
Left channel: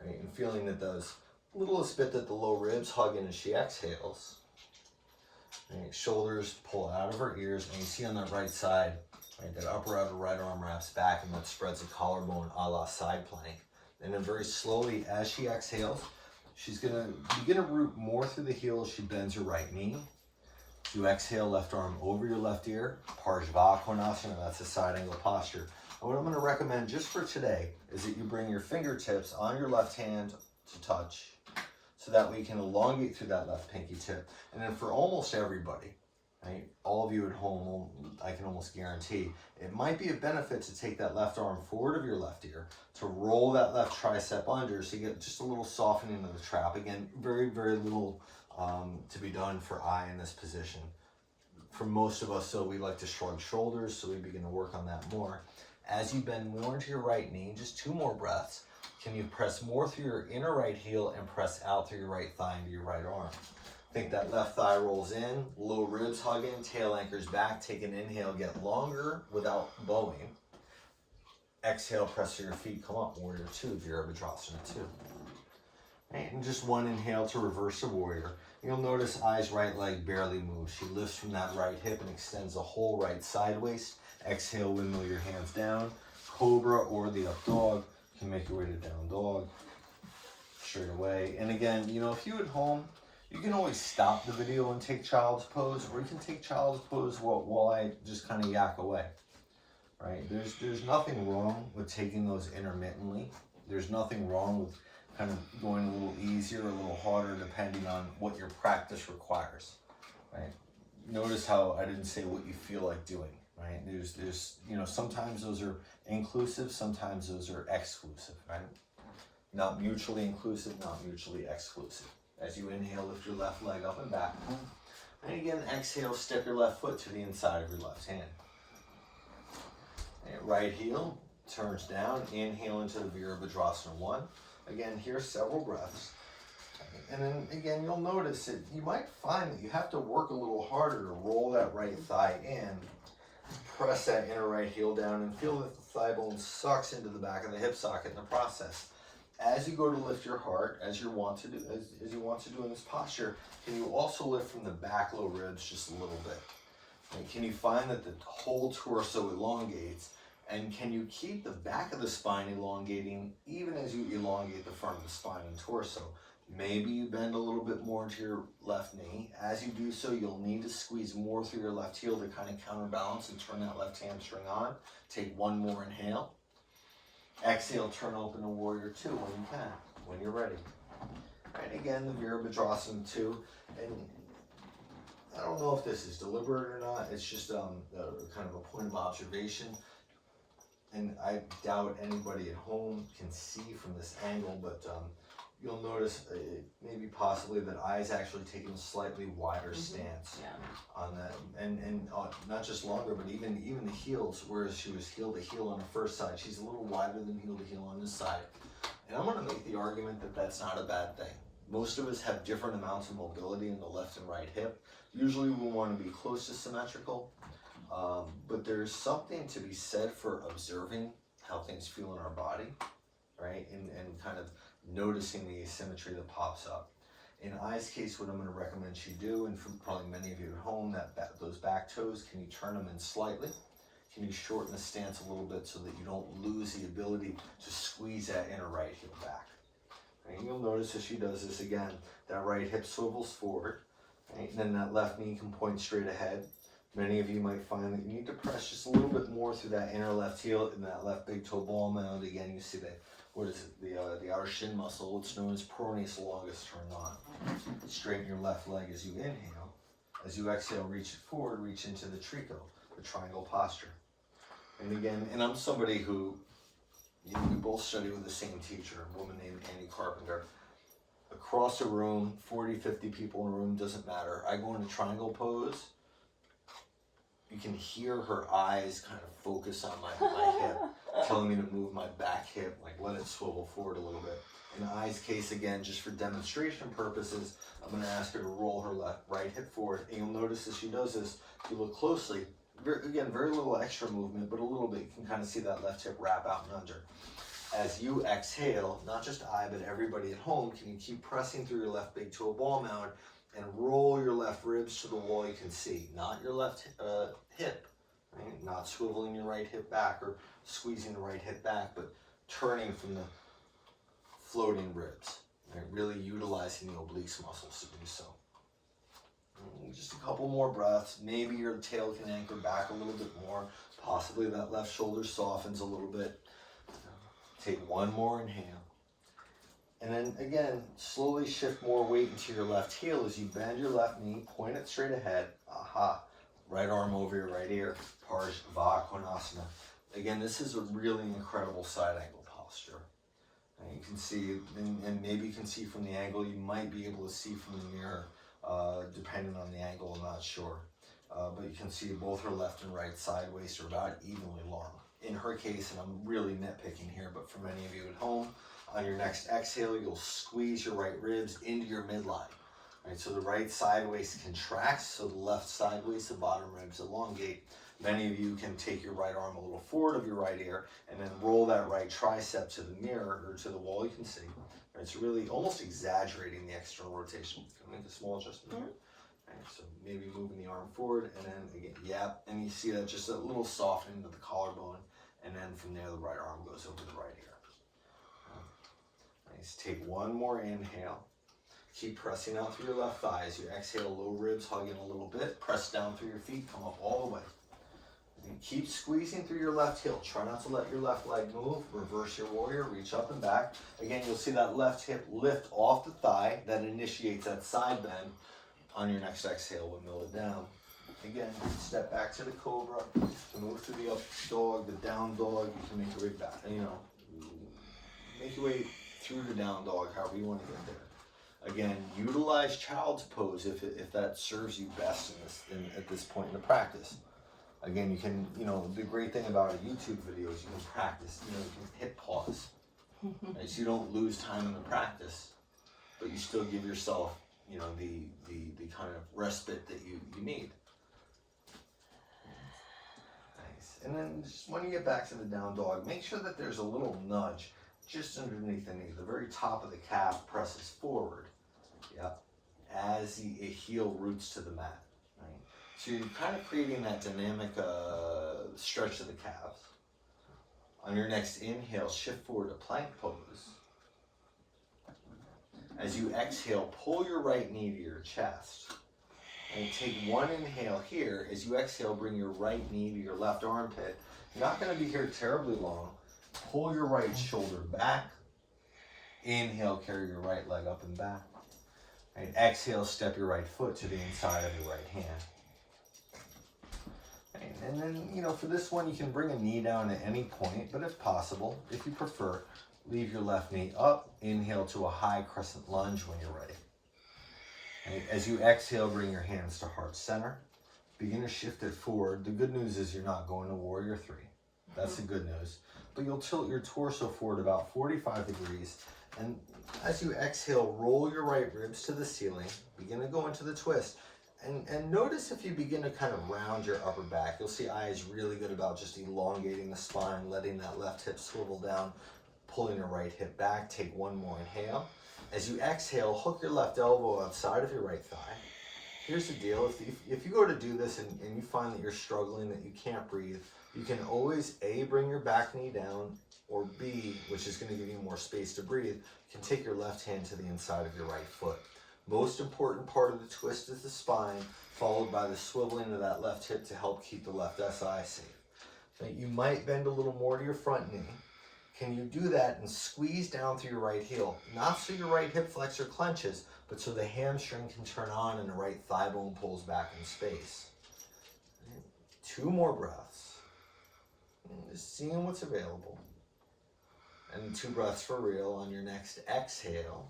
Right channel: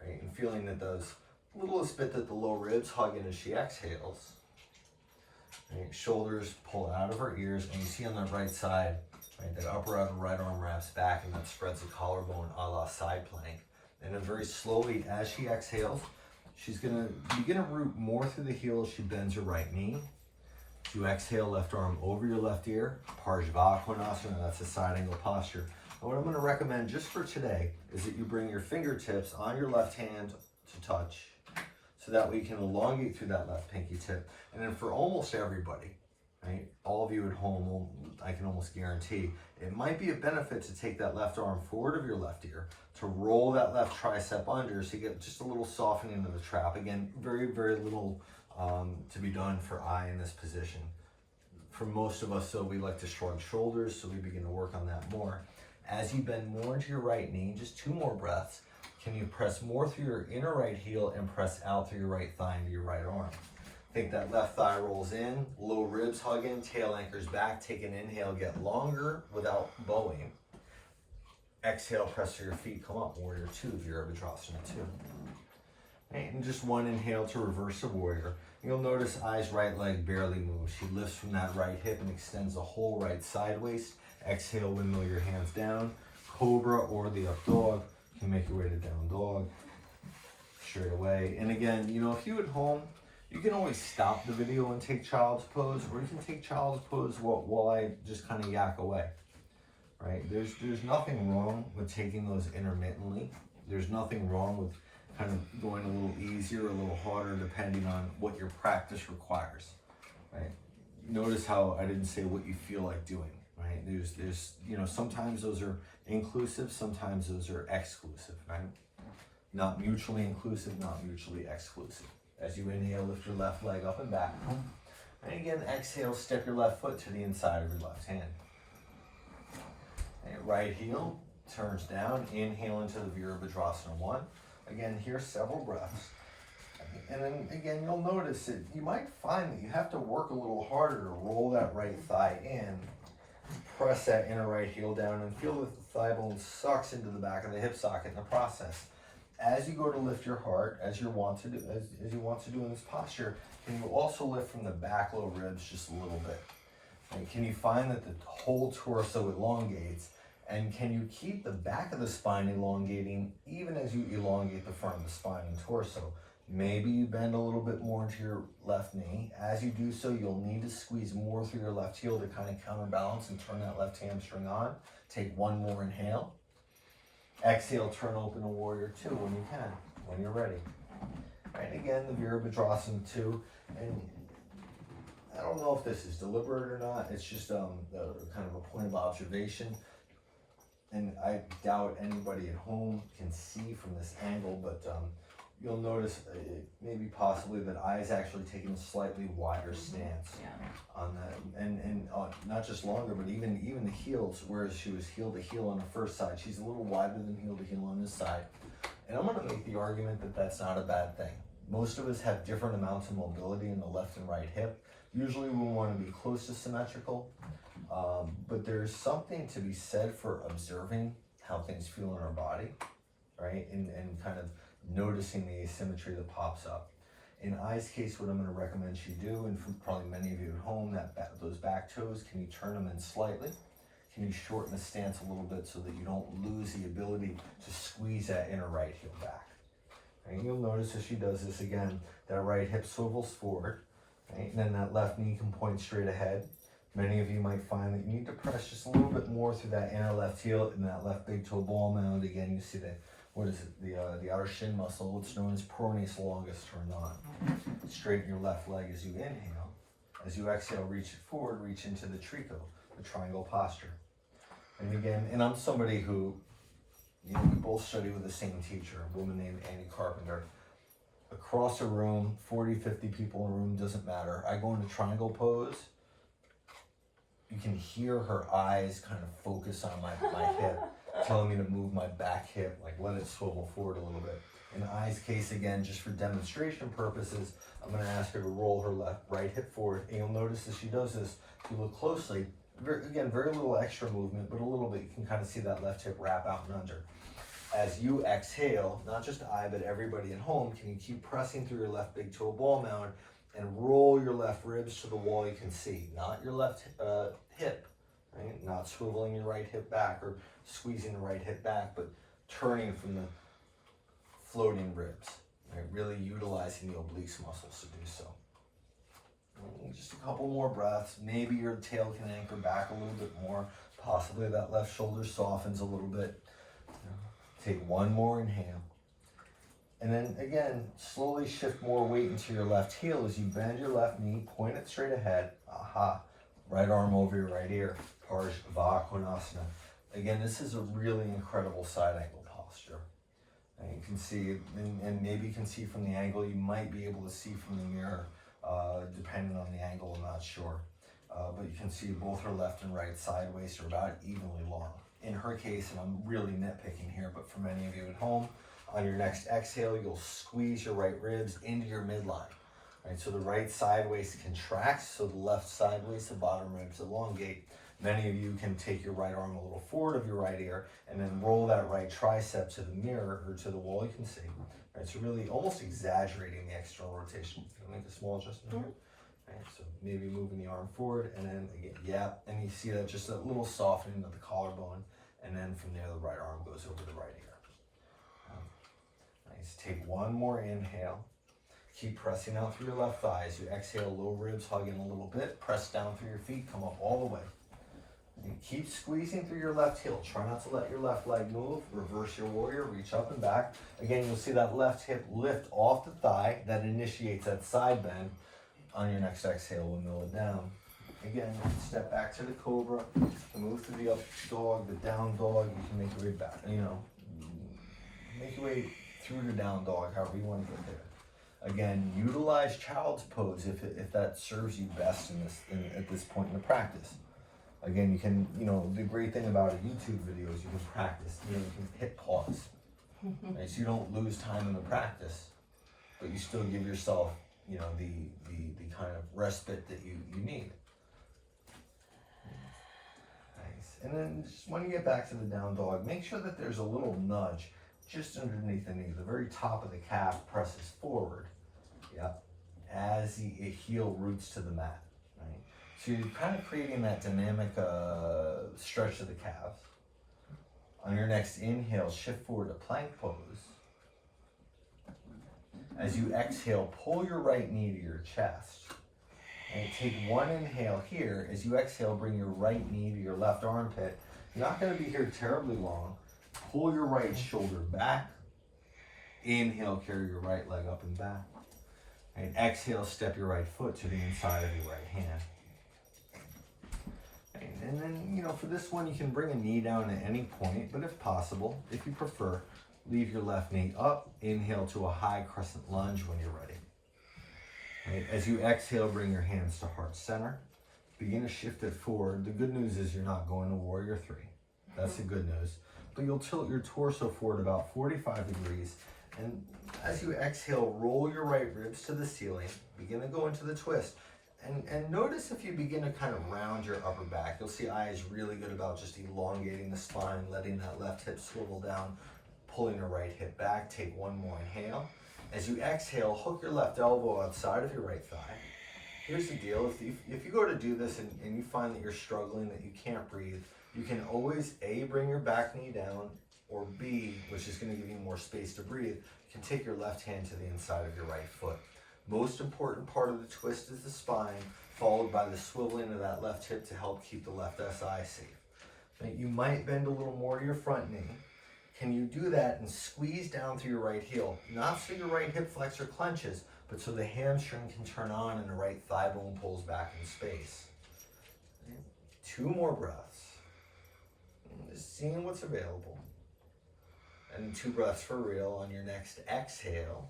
Right? And feeling that those littlest bit that the low ribs hug in as she exhales. Right? Shoulders pull out of her ears, and you see on that right side, right, that upper outer right arm wraps back, and that spreads the collarbone a la side plank. And then very slowly, as she exhales, she's going to begin to root more through the heel as she bends her right knee. You exhale, left arm over your left ear, Parsvakonasana, that's a side angle posture. And what I'm going to recommend just for today is that you bring your fingertips on your left hand to touch, so that we can elongate through that left pinky tip. And then for almost everybody, right, all of you at home, I can almost guarantee, it might be a benefit to take that left arm forward of your left ear, to roll that left tricep under so you get just a little softening of the trap. Again, very, very little to be done for Ay in this position. For most of us, so we like to shrug shoulders, so we begin to work on that more. As you bend more into your right knee, just 2 more breaths, can you press more through your inner right heel and press out through your right thigh into your right arm? Think that left thigh rolls in, low ribs hug in, tail anchors back, take an inhale, get longer without bowing. Exhale, press through your feet, come up, Warrior Two, Virabhadrasana 2. Right, and just 1 inhale to reverse the warrior. You'll notice Ay's right leg barely moves. She lifts from that right hip and extends the whole right side waist. Exhale, windmill your hands down. cobra or the up dog. You can make your way to down dog straight away. And again, you know, if you at home, you can always stop the video and take child's pose, or you can take child's pose while I just kind of yak away, right? There's nothing wrong with taking those intermittently. There's nothing wrong with kind of going a little easier, a little harder, depending on what your practice requires, right? Notice how I didn't say what you feel like doing, right? There's you know, sometimes those are inclusive, sometimes those are exclusive, right? Not mutually inclusive, not mutually exclusive. As you inhale, lift your left leg up and back. And again, exhale, step your left foot to the inside of your left hand. And right heel turns down, inhale into the Virabhadrasana 1. Again, here several breaths. And then again, you'll notice that you might find that you have to work a little harder to roll that right thigh in. Press that inner right heel down and feel that the thigh bone sucks into the back of the hip socket in the process. As you go to lift your heart, as you want to do in this posture, can you also lift from the back low ribs just a little bit? And can you find that the whole torso elongates, and can you keep the back of the spine elongating even as you elongate the front of the spine and torso? Maybe you bend a little bit more to your left knee. As you do so, you'll need to squeeze more through your left heel to kind of counterbalance and turn that left hamstring on. Take one more inhale. Exhale, turn open to Warrior 2 when you can, when you're ready. And again, the Virabhadrasana 2. And I don't know if this is deliberate or not. It's just kind of a point of observation. And I doubt anybody at home can see from this angle, but you'll notice maybe possibly that Ay's actually taking a slightly wider stance on that, and not just longer, but even the heels, whereas she was heel to heel on the first side, she's a little wider than heel to heel on this side. And I'm going to make the argument that that's not a bad thing. Most of us have different amounts of mobility in the left and right hip. Usually we want to be close to symmetrical, but there's something to be said for observing how things feel in our body, right? And kind of noticing the asymmetry that pops up. In Ay's case, what I'm going to recommend she do, and for probably many of you at home, those back toes, can you turn them in slightly? Can you shorten the stance a little bit so that you don't lose the ability to squeeze that inner right heel back? And you'll notice as she does this again, that right hip swivels forward, right? And then that left knee can point straight ahead. Many of you might find that you need to press just a little bit more through that inner left heel and that left big toe ball mound. Again, you see that, what is it, the outer shin muscle, what's known as peroneus longus turned on. Straighten your left leg as you inhale. As you exhale, reach it forward, reach into the trico, the triangle posture. And again, and I'm somebody who, you know, we both study with the same teacher, a woman named Annie Carpenter. Across a room, 40, 50 people in a room, doesn't matter. I go into triangle pose. You can hear her eyes kind of focus on my hip, telling me to move my back hip, like let it swivel forward a little bit. In Ay's case, again, just for demonstration purposes, I'm going to ask her to roll her right hip forward. And you'll notice as she does this, if you look closely, very little extra movement, but a little bit, you can kind of see that left hip wrap out and under. As you exhale, not just I, but everybody at home, can you keep pressing through your left big toe ball mound and roll your left ribs to the wall you can see, not your left hip, right? Not swiveling your right hip back or squeezing the right hip back, but turning from the floating ribs, right? Really utilizing the obliques muscles to do so. And just a couple more breaths. Maybe your tail can anchor back a little bit more. Possibly that left shoulder softens a little bit. Take one more inhale. And then again, slowly shift more weight into your left heel as you bend your left knee, point it straight ahead. Aha. Right arm over your right ear. Parsva Konasana. Again, this is a really incredible side angle posture. And you can see, and maybe you can see from the angle, you might be able to see from the mirror, depending on the angle, I'm not sure. But you can see both her left and right side waist are about evenly long. In her case, and I'm really nitpicking here, but for many of you at home, on your next exhale, you'll squeeze your right ribs into your midline. Right, so the right side waist contracts, so the left side waist, the bottom ribs elongate. Many of you can take your right arm a little forward of your right ear and then roll that right tricep to the mirror or to the wall you can see. Right, so really almost exaggerating the external rotation. Can you make a small adjustment here? Right, so maybe moving the arm forward and then again, yeah, and you see that just a little softening of the collarbone and then from there, the right arm goes over the right ear. Nice. Take one more inhale. Keep pressing out through your left thigh. As you exhale, low ribs hug in a little bit. Press down through your feet, come up all the way. And keep squeezing through your left heel. Try not to let your left leg move. Reverse your warrior, reach up and back. Again, you'll see that left hip lift off the thigh. That initiates that side bend. On your next exhale, we'll mill it down. Again, step back to the cobra. To move through the up dog, the down dog, you can make your way back. Make your way through the down dog, however you want to get there. Again, utilize child's pose if that serves you best at this point in the practice. Again, you can, the great thing about a YouTube video is you can practice, you can hit pause. Right? So you don't lose time in the practice, but you still give yourself, the kind of respite that you need. Nice. And then just when you get back to the down dog, make sure that there's a little nudge just underneath the knee. The very top of the calf presses forward. Yep. As the heel roots to the mat. Right? So you're kind of creating that dynamic stretch of the calves. On your next inhale, shift forward to plank pose. As you exhale, pull your right knee to your chest. And take one inhale here. As you exhale, bring your right knee to your left armpit. You're not going to be here terribly long. Pull your right shoulder back. Inhale, carry your right leg up and back. And exhale, step your right foot to the inside of your right hand. And then, for this one, you can bring a knee down at any point, but if possible, if you prefer, leave your left knee up. Inhale to a high crescent lunge when you're ready. Right. As you exhale, bring your hands to heart center. Begin to shift it forward. The good news is you're not going to warrior three. That's the good news. But you'll tilt your torso forward about 45 degrees. And as you exhale, roll your right ribs to the ceiling. Begin to go into the twist. And notice if you begin to kind of round your upper back. You'll see Ay is really good about just elongating the spine, letting that left hip swivel down, pulling your right hip back. Take one more inhale. As you exhale, hook your left elbow outside of your right thigh. Here's the deal. If you go to do this and you find that you're struggling, that you can't breathe, you can always A, bring your back knee down, or B, which is going to give you more space to breathe, you can take your left hand to the inside of your right foot. Most important part of the twist is the spine, followed by the swiveling of that left hip to help keep the left SI safe. Now, you might bend a little more to your front knee. Can you do that and squeeze down through your right heel? Not so your right hip flexor clenches, but so the hamstring can turn on and the right thigh bone pulls back in space. 2 more breaths. Just seeing what's available. And 2 breaths for real. On your next exhale,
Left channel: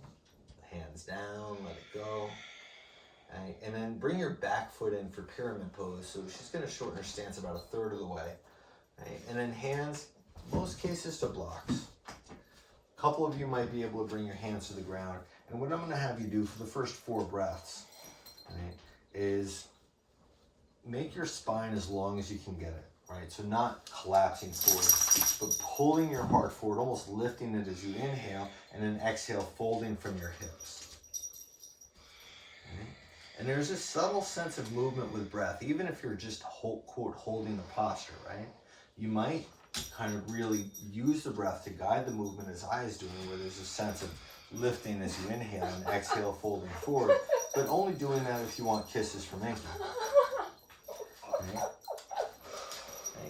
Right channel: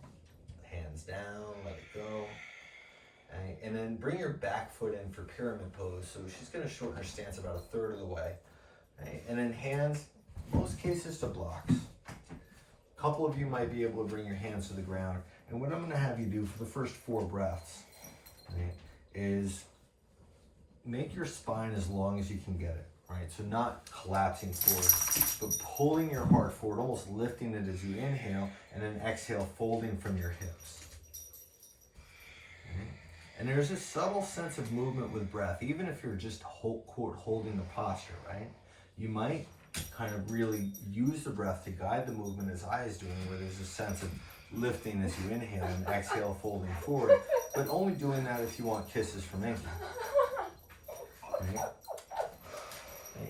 hands down, let it go. And then bring your back foot in for pyramid pose. So she's going to shorten her stance about 1/3 of the way. Right? And then hands, most cases, to blocks. A couple of you might be able to bring your hands to the ground. And what I'm going to have you do for the first 4 breaths, right, is make your spine as long as you can get it. Right, so not collapsing forward, but pulling your heart forward, almost lifting it as you inhale, and then exhale, folding from your hips. Okay. And there's a subtle sense of movement with breath, even if you're just, quote, holding the posture, right? You might kind of really use the breath to guide the movement as Ay is doing, where there's a sense of lifting as you inhale and exhale, folding forward, but only doing that if you want kisses from Inky. Right?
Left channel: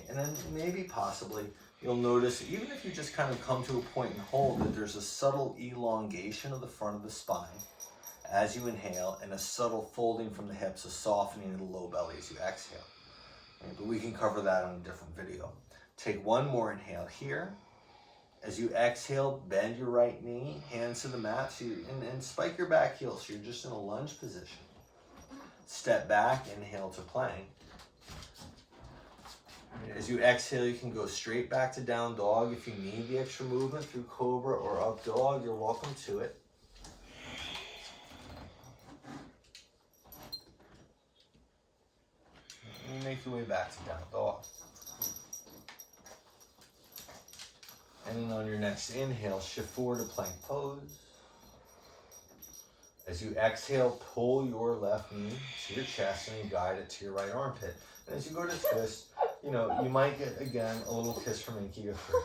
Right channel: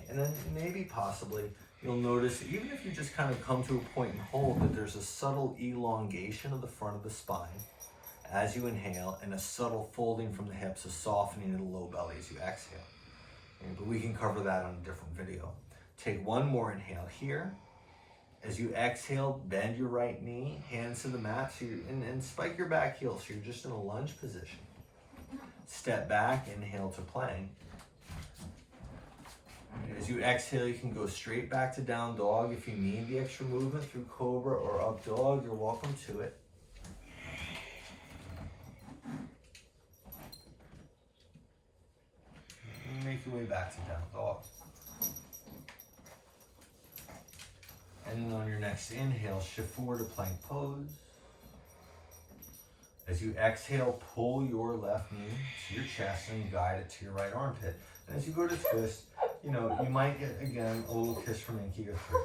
And then maybe possibly you'll notice, even if you just kind of come to a point and hold, that there's a subtle elongation of the front of the spine as you inhale, and a subtle folding from the hips, a softening of the low belly as you exhale. Okay, but we can cover that on a different video. Take one more inhale here. As you exhale, bend your right knee, hands to the mat, so and spike your back heel, so you're just in a lunge position. Step back, inhale to plank. As you exhale, you can go straight back to down dog. If you need the extra movement through cobra or up dog, you're welcome to it. And make your way back to down dog. And then on your next inhale, shift forward to plank pose. As you exhale, pull your left knee to your chest and guide it to your right armpit. And as you go to twist, You know, you might get, again, a little kiss from Inky or three,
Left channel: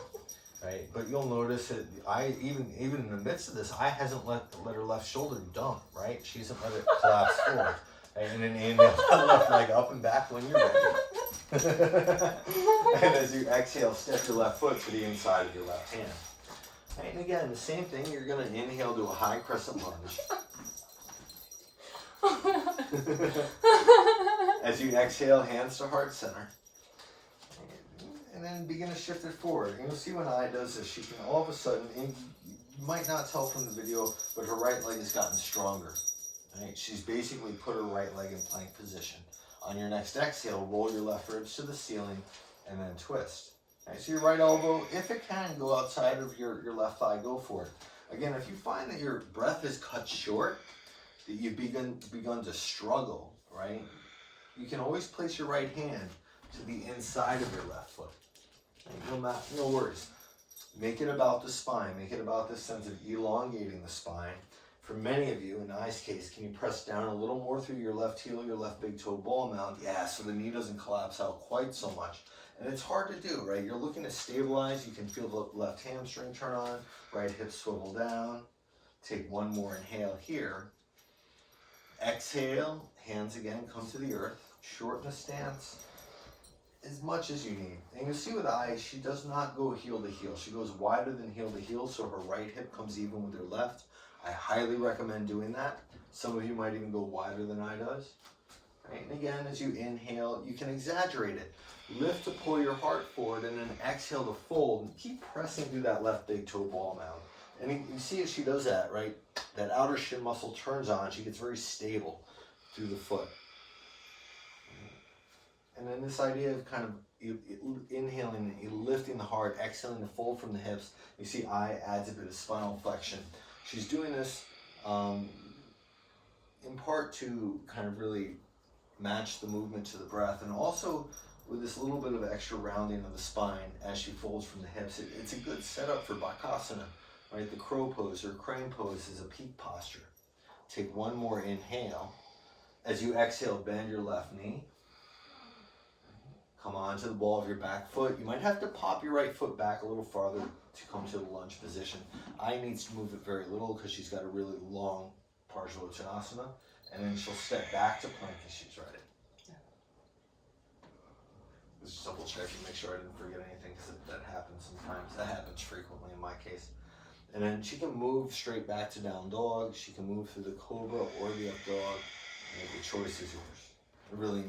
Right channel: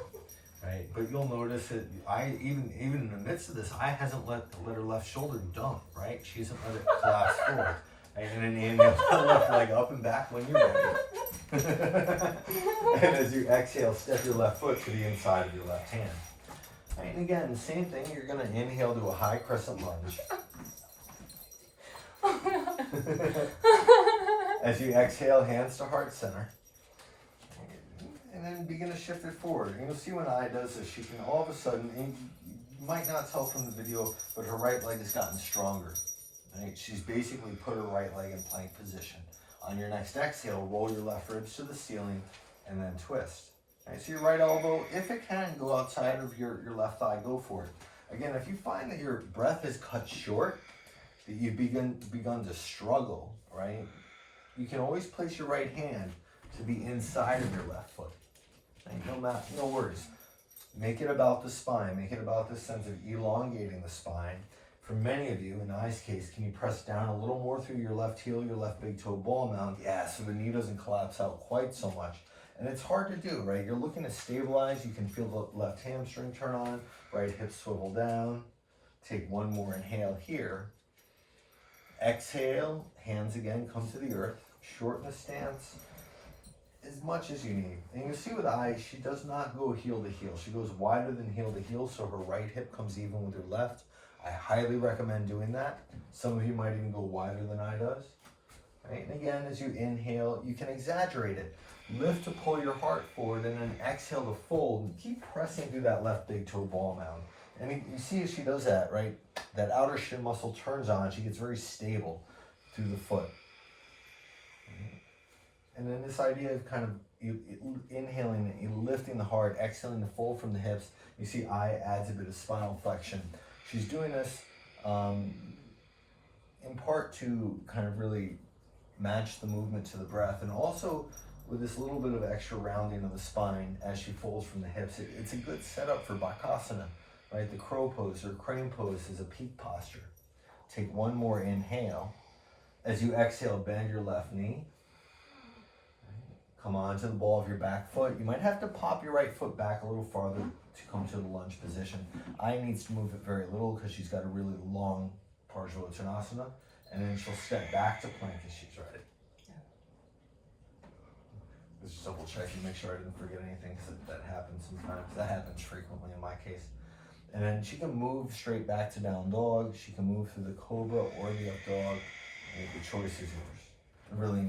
right? But you'll notice that even in the midst of this, I hasn't let her left shoulder dump, right? She hasn't let it collapse forward. And then inhale, left leg up and back when you're ready. And as you exhale, step your left foot to the inside of your left hand. And again, the same thing, you're gonna inhale to a high crescent lunge. As you exhale, hands to heart center. And then begin to shift it forward. And you'll see when Ay does this, she can all of a sudden, and you might not tell from the video, but her right leg has gotten stronger. Right? She's basically put her right leg in plank position. On your next exhale, roll your left ribs to the ceiling and then twist. Right? So your right elbow, if it can, go outside of your left thigh, go for it. Again, if you find that your breath is cut short, that you've begun to struggle, right? You can always place your right hand to the inside of your left foot. Right? No worries. Make it about the spine. Make it about this sense of elongating the spine. For many of you, in Ay's case, can you press down a little more through your left heel, your left big toe ball mount? Yeah, so the knee doesn't collapse out quite so much. And it's hard to do, right? You're looking to stabilize. You can feel the left hamstring turn on, right hip swivel down. Take one more inhale here. Exhale, hands again come to the earth. Shorten the stance as much as you need. And you see with Ay, she does not go heel to heel. She goes wider than heel to heel, so her right hip comes even with her left. I highly recommend doing that. Some of you might even go wider than Ay does. Right? And again, as you inhale, you can exaggerate it. Lift to pull your heart forward, and then exhale to fold. And keep pressing through that left big toe ball mound. And you see as she does that, right? That outer shin muscle turns on. She gets very stable through the foot. And then this idea of kind of inhaling, lifting the heart, exhaling to fold from the hips. You see Ay adds a bit of spinal flexion. She's doing this in part to kind of really match the movement to the breath, and also with this little bit of extra rounding of the spine as she folds from the hips. It's a good setup for Bakasana, right? The crow pose or crane pose is a peak posture. Take one more inhale. As you exhale, bend your left knee. Come on to the ball of your back foot. You might have to pop your right foot back a little farther to come to the lunge position. Ay needs to move it very little because she's got a really long Parsvottanasana, and then she'll step back to plank as she's ready. Just double checking, make sure I didn't forget anything, because that happens sometimes. That happens frequently in my case. And then she can move straight back to down dog. She can move through the cobra or the up dog. And the choice is yours. Really,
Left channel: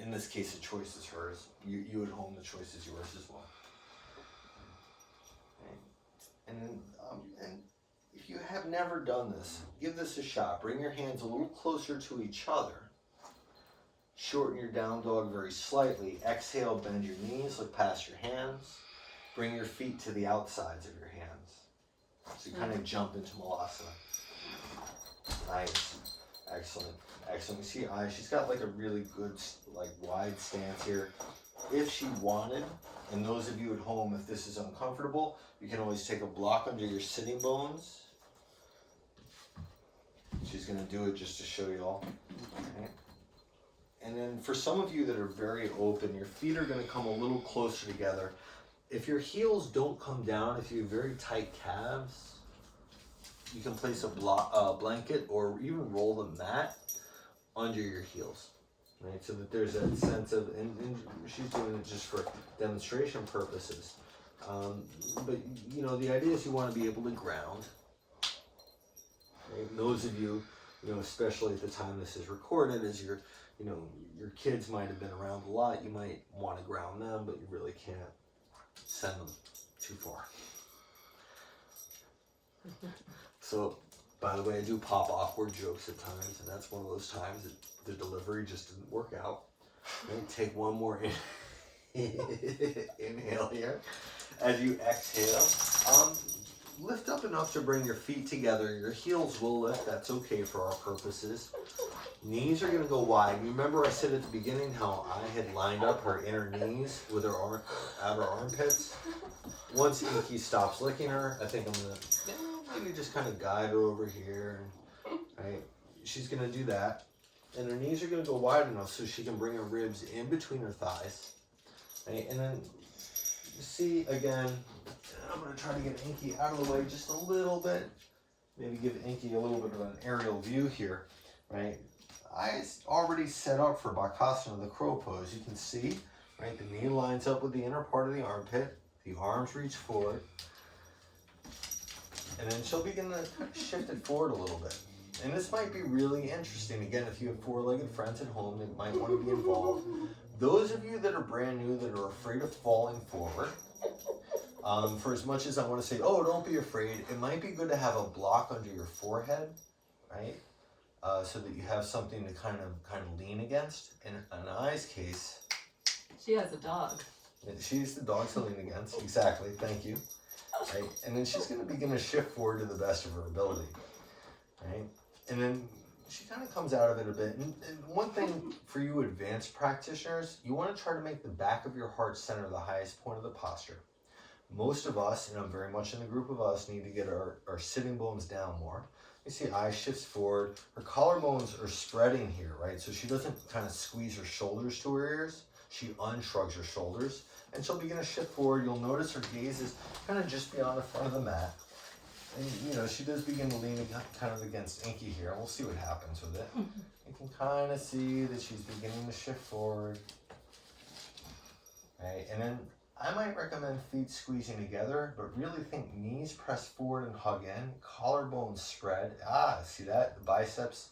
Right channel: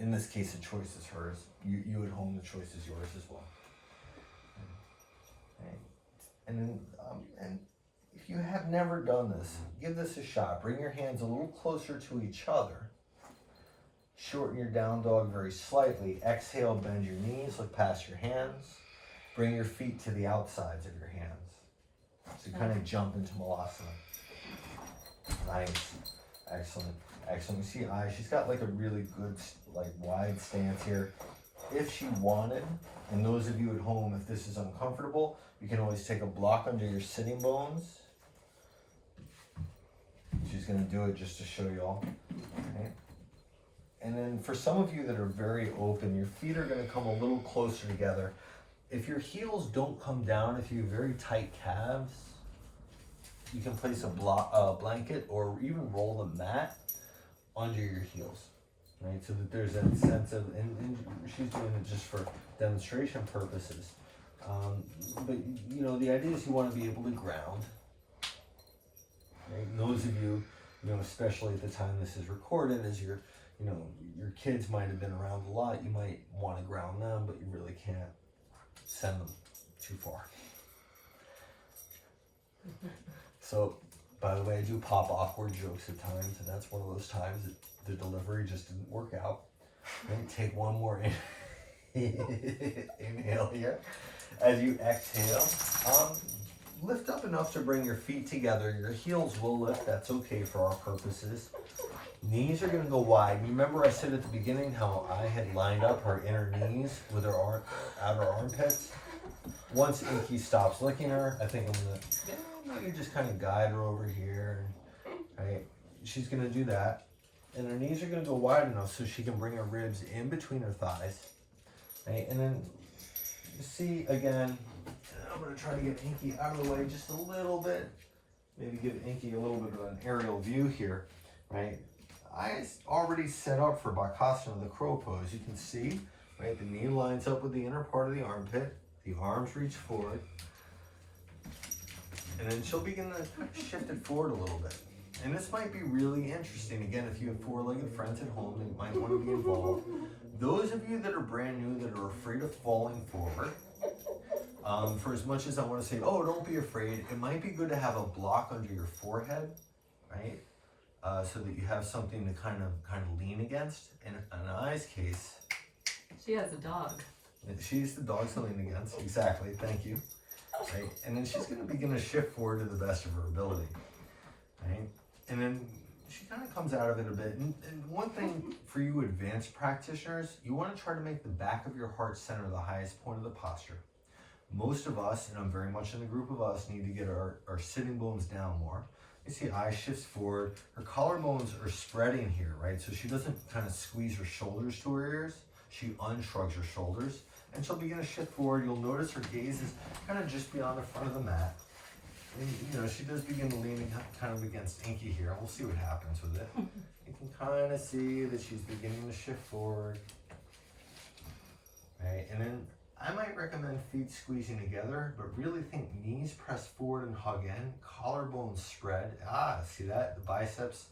in this case, the choice is hers. You at home, the choice is yours as well. Okay. And then, and if you have never done this, give this a shot. Bring your hands a little closer to each other. Shorten your down dog very slightly. Exhale, bend your knees, look past your hands. Bring your feet to the outsides of your hands. So you kind of jump into Malasana. Nice. Excellent. Excellent. You see Ay, she's got like a really good, like wide stance here. If she wanted, and those of you at home, if this is uncomfortable, you can always take a block under your sitting bones. She's going to do it just to show you all. Okay. And then for some of you that are very open, your feet are going to come a little closer together. If your heels don't come down, if you have very tight calves, you can place a blanket or even roll the mat under your heels, right? So that there's that sense of, and she's doing it just for demonstration purposes. But you know, the idea is you want to be able to ground. Right? And those of you, you know, especially at the time this is recorded, as your kids might have been around a lot, you might want to ground them, but you really can't send them too far. So, by the way, I do pop awkward jokes at times, and that's one of those times that the delivery just didn't work out. Then take one more inhale here. As you exhale, lift up enough to bring your feet together. Your heels will lift. That's okay for our purposes. Knees are going to go wide. Remember I said at the beginning how I had lined up her inner knees with her outer armpits? Once Inky stops licking her, I think I'm going to maybe just kind of guide her over here. Right? She's going to do that. And her knees are going to go wide enough so she can bring her ribs in between her thighs. Right? And then you see again, I'm going to try to get Inky out of the way just a little bit. Maybe give Inky a little bit of an aerial view here, right? Eyes already set up for Bakasana, the crow pose. You can see, right, the knee lines up with the inner part of the armpit. The arms reach forward. And then she'll begin to shift it forward a little bit. And this might be really interesting. Again, if you have four-legged friends at home that might want to be involved. Those of you that are brand new, that are afraid of falling forward, for as much as I want to say, oh, don't be afraid, it might be good to have a block under your forehead, right? So that you have something to kind of lean against. In Ay's case, She has a dog. she's the dog to lean against. Exactly. Thank you. Right? And then she's going to begin to shift forward to the best of her ability. Right? And then she kind of comes out of it a bit. And one thing for you advanced practitioners, you want to try to make the back of your heart center the highest point of the posture. Most of us, and I'm very much in the group of us, need to get our sitting bones down more. You see Ay shifts forward. Her collarbones are spreading here, right? So she doesn't kind of squeeze her shoulders to her ears. She unshrugs her shoulders. And she'll begin to shift forward. You'll notice her gaze is kind of just beyond the front of the mat. And, you know, she does begin to lean kind of against Inky here. We'll see what happens with it. You can kind of see that she's beginning to shift forward. Right, and then I might recommend feet squeezing together, but really think knees press forward and hug in, collarbones spread. See that? The biceps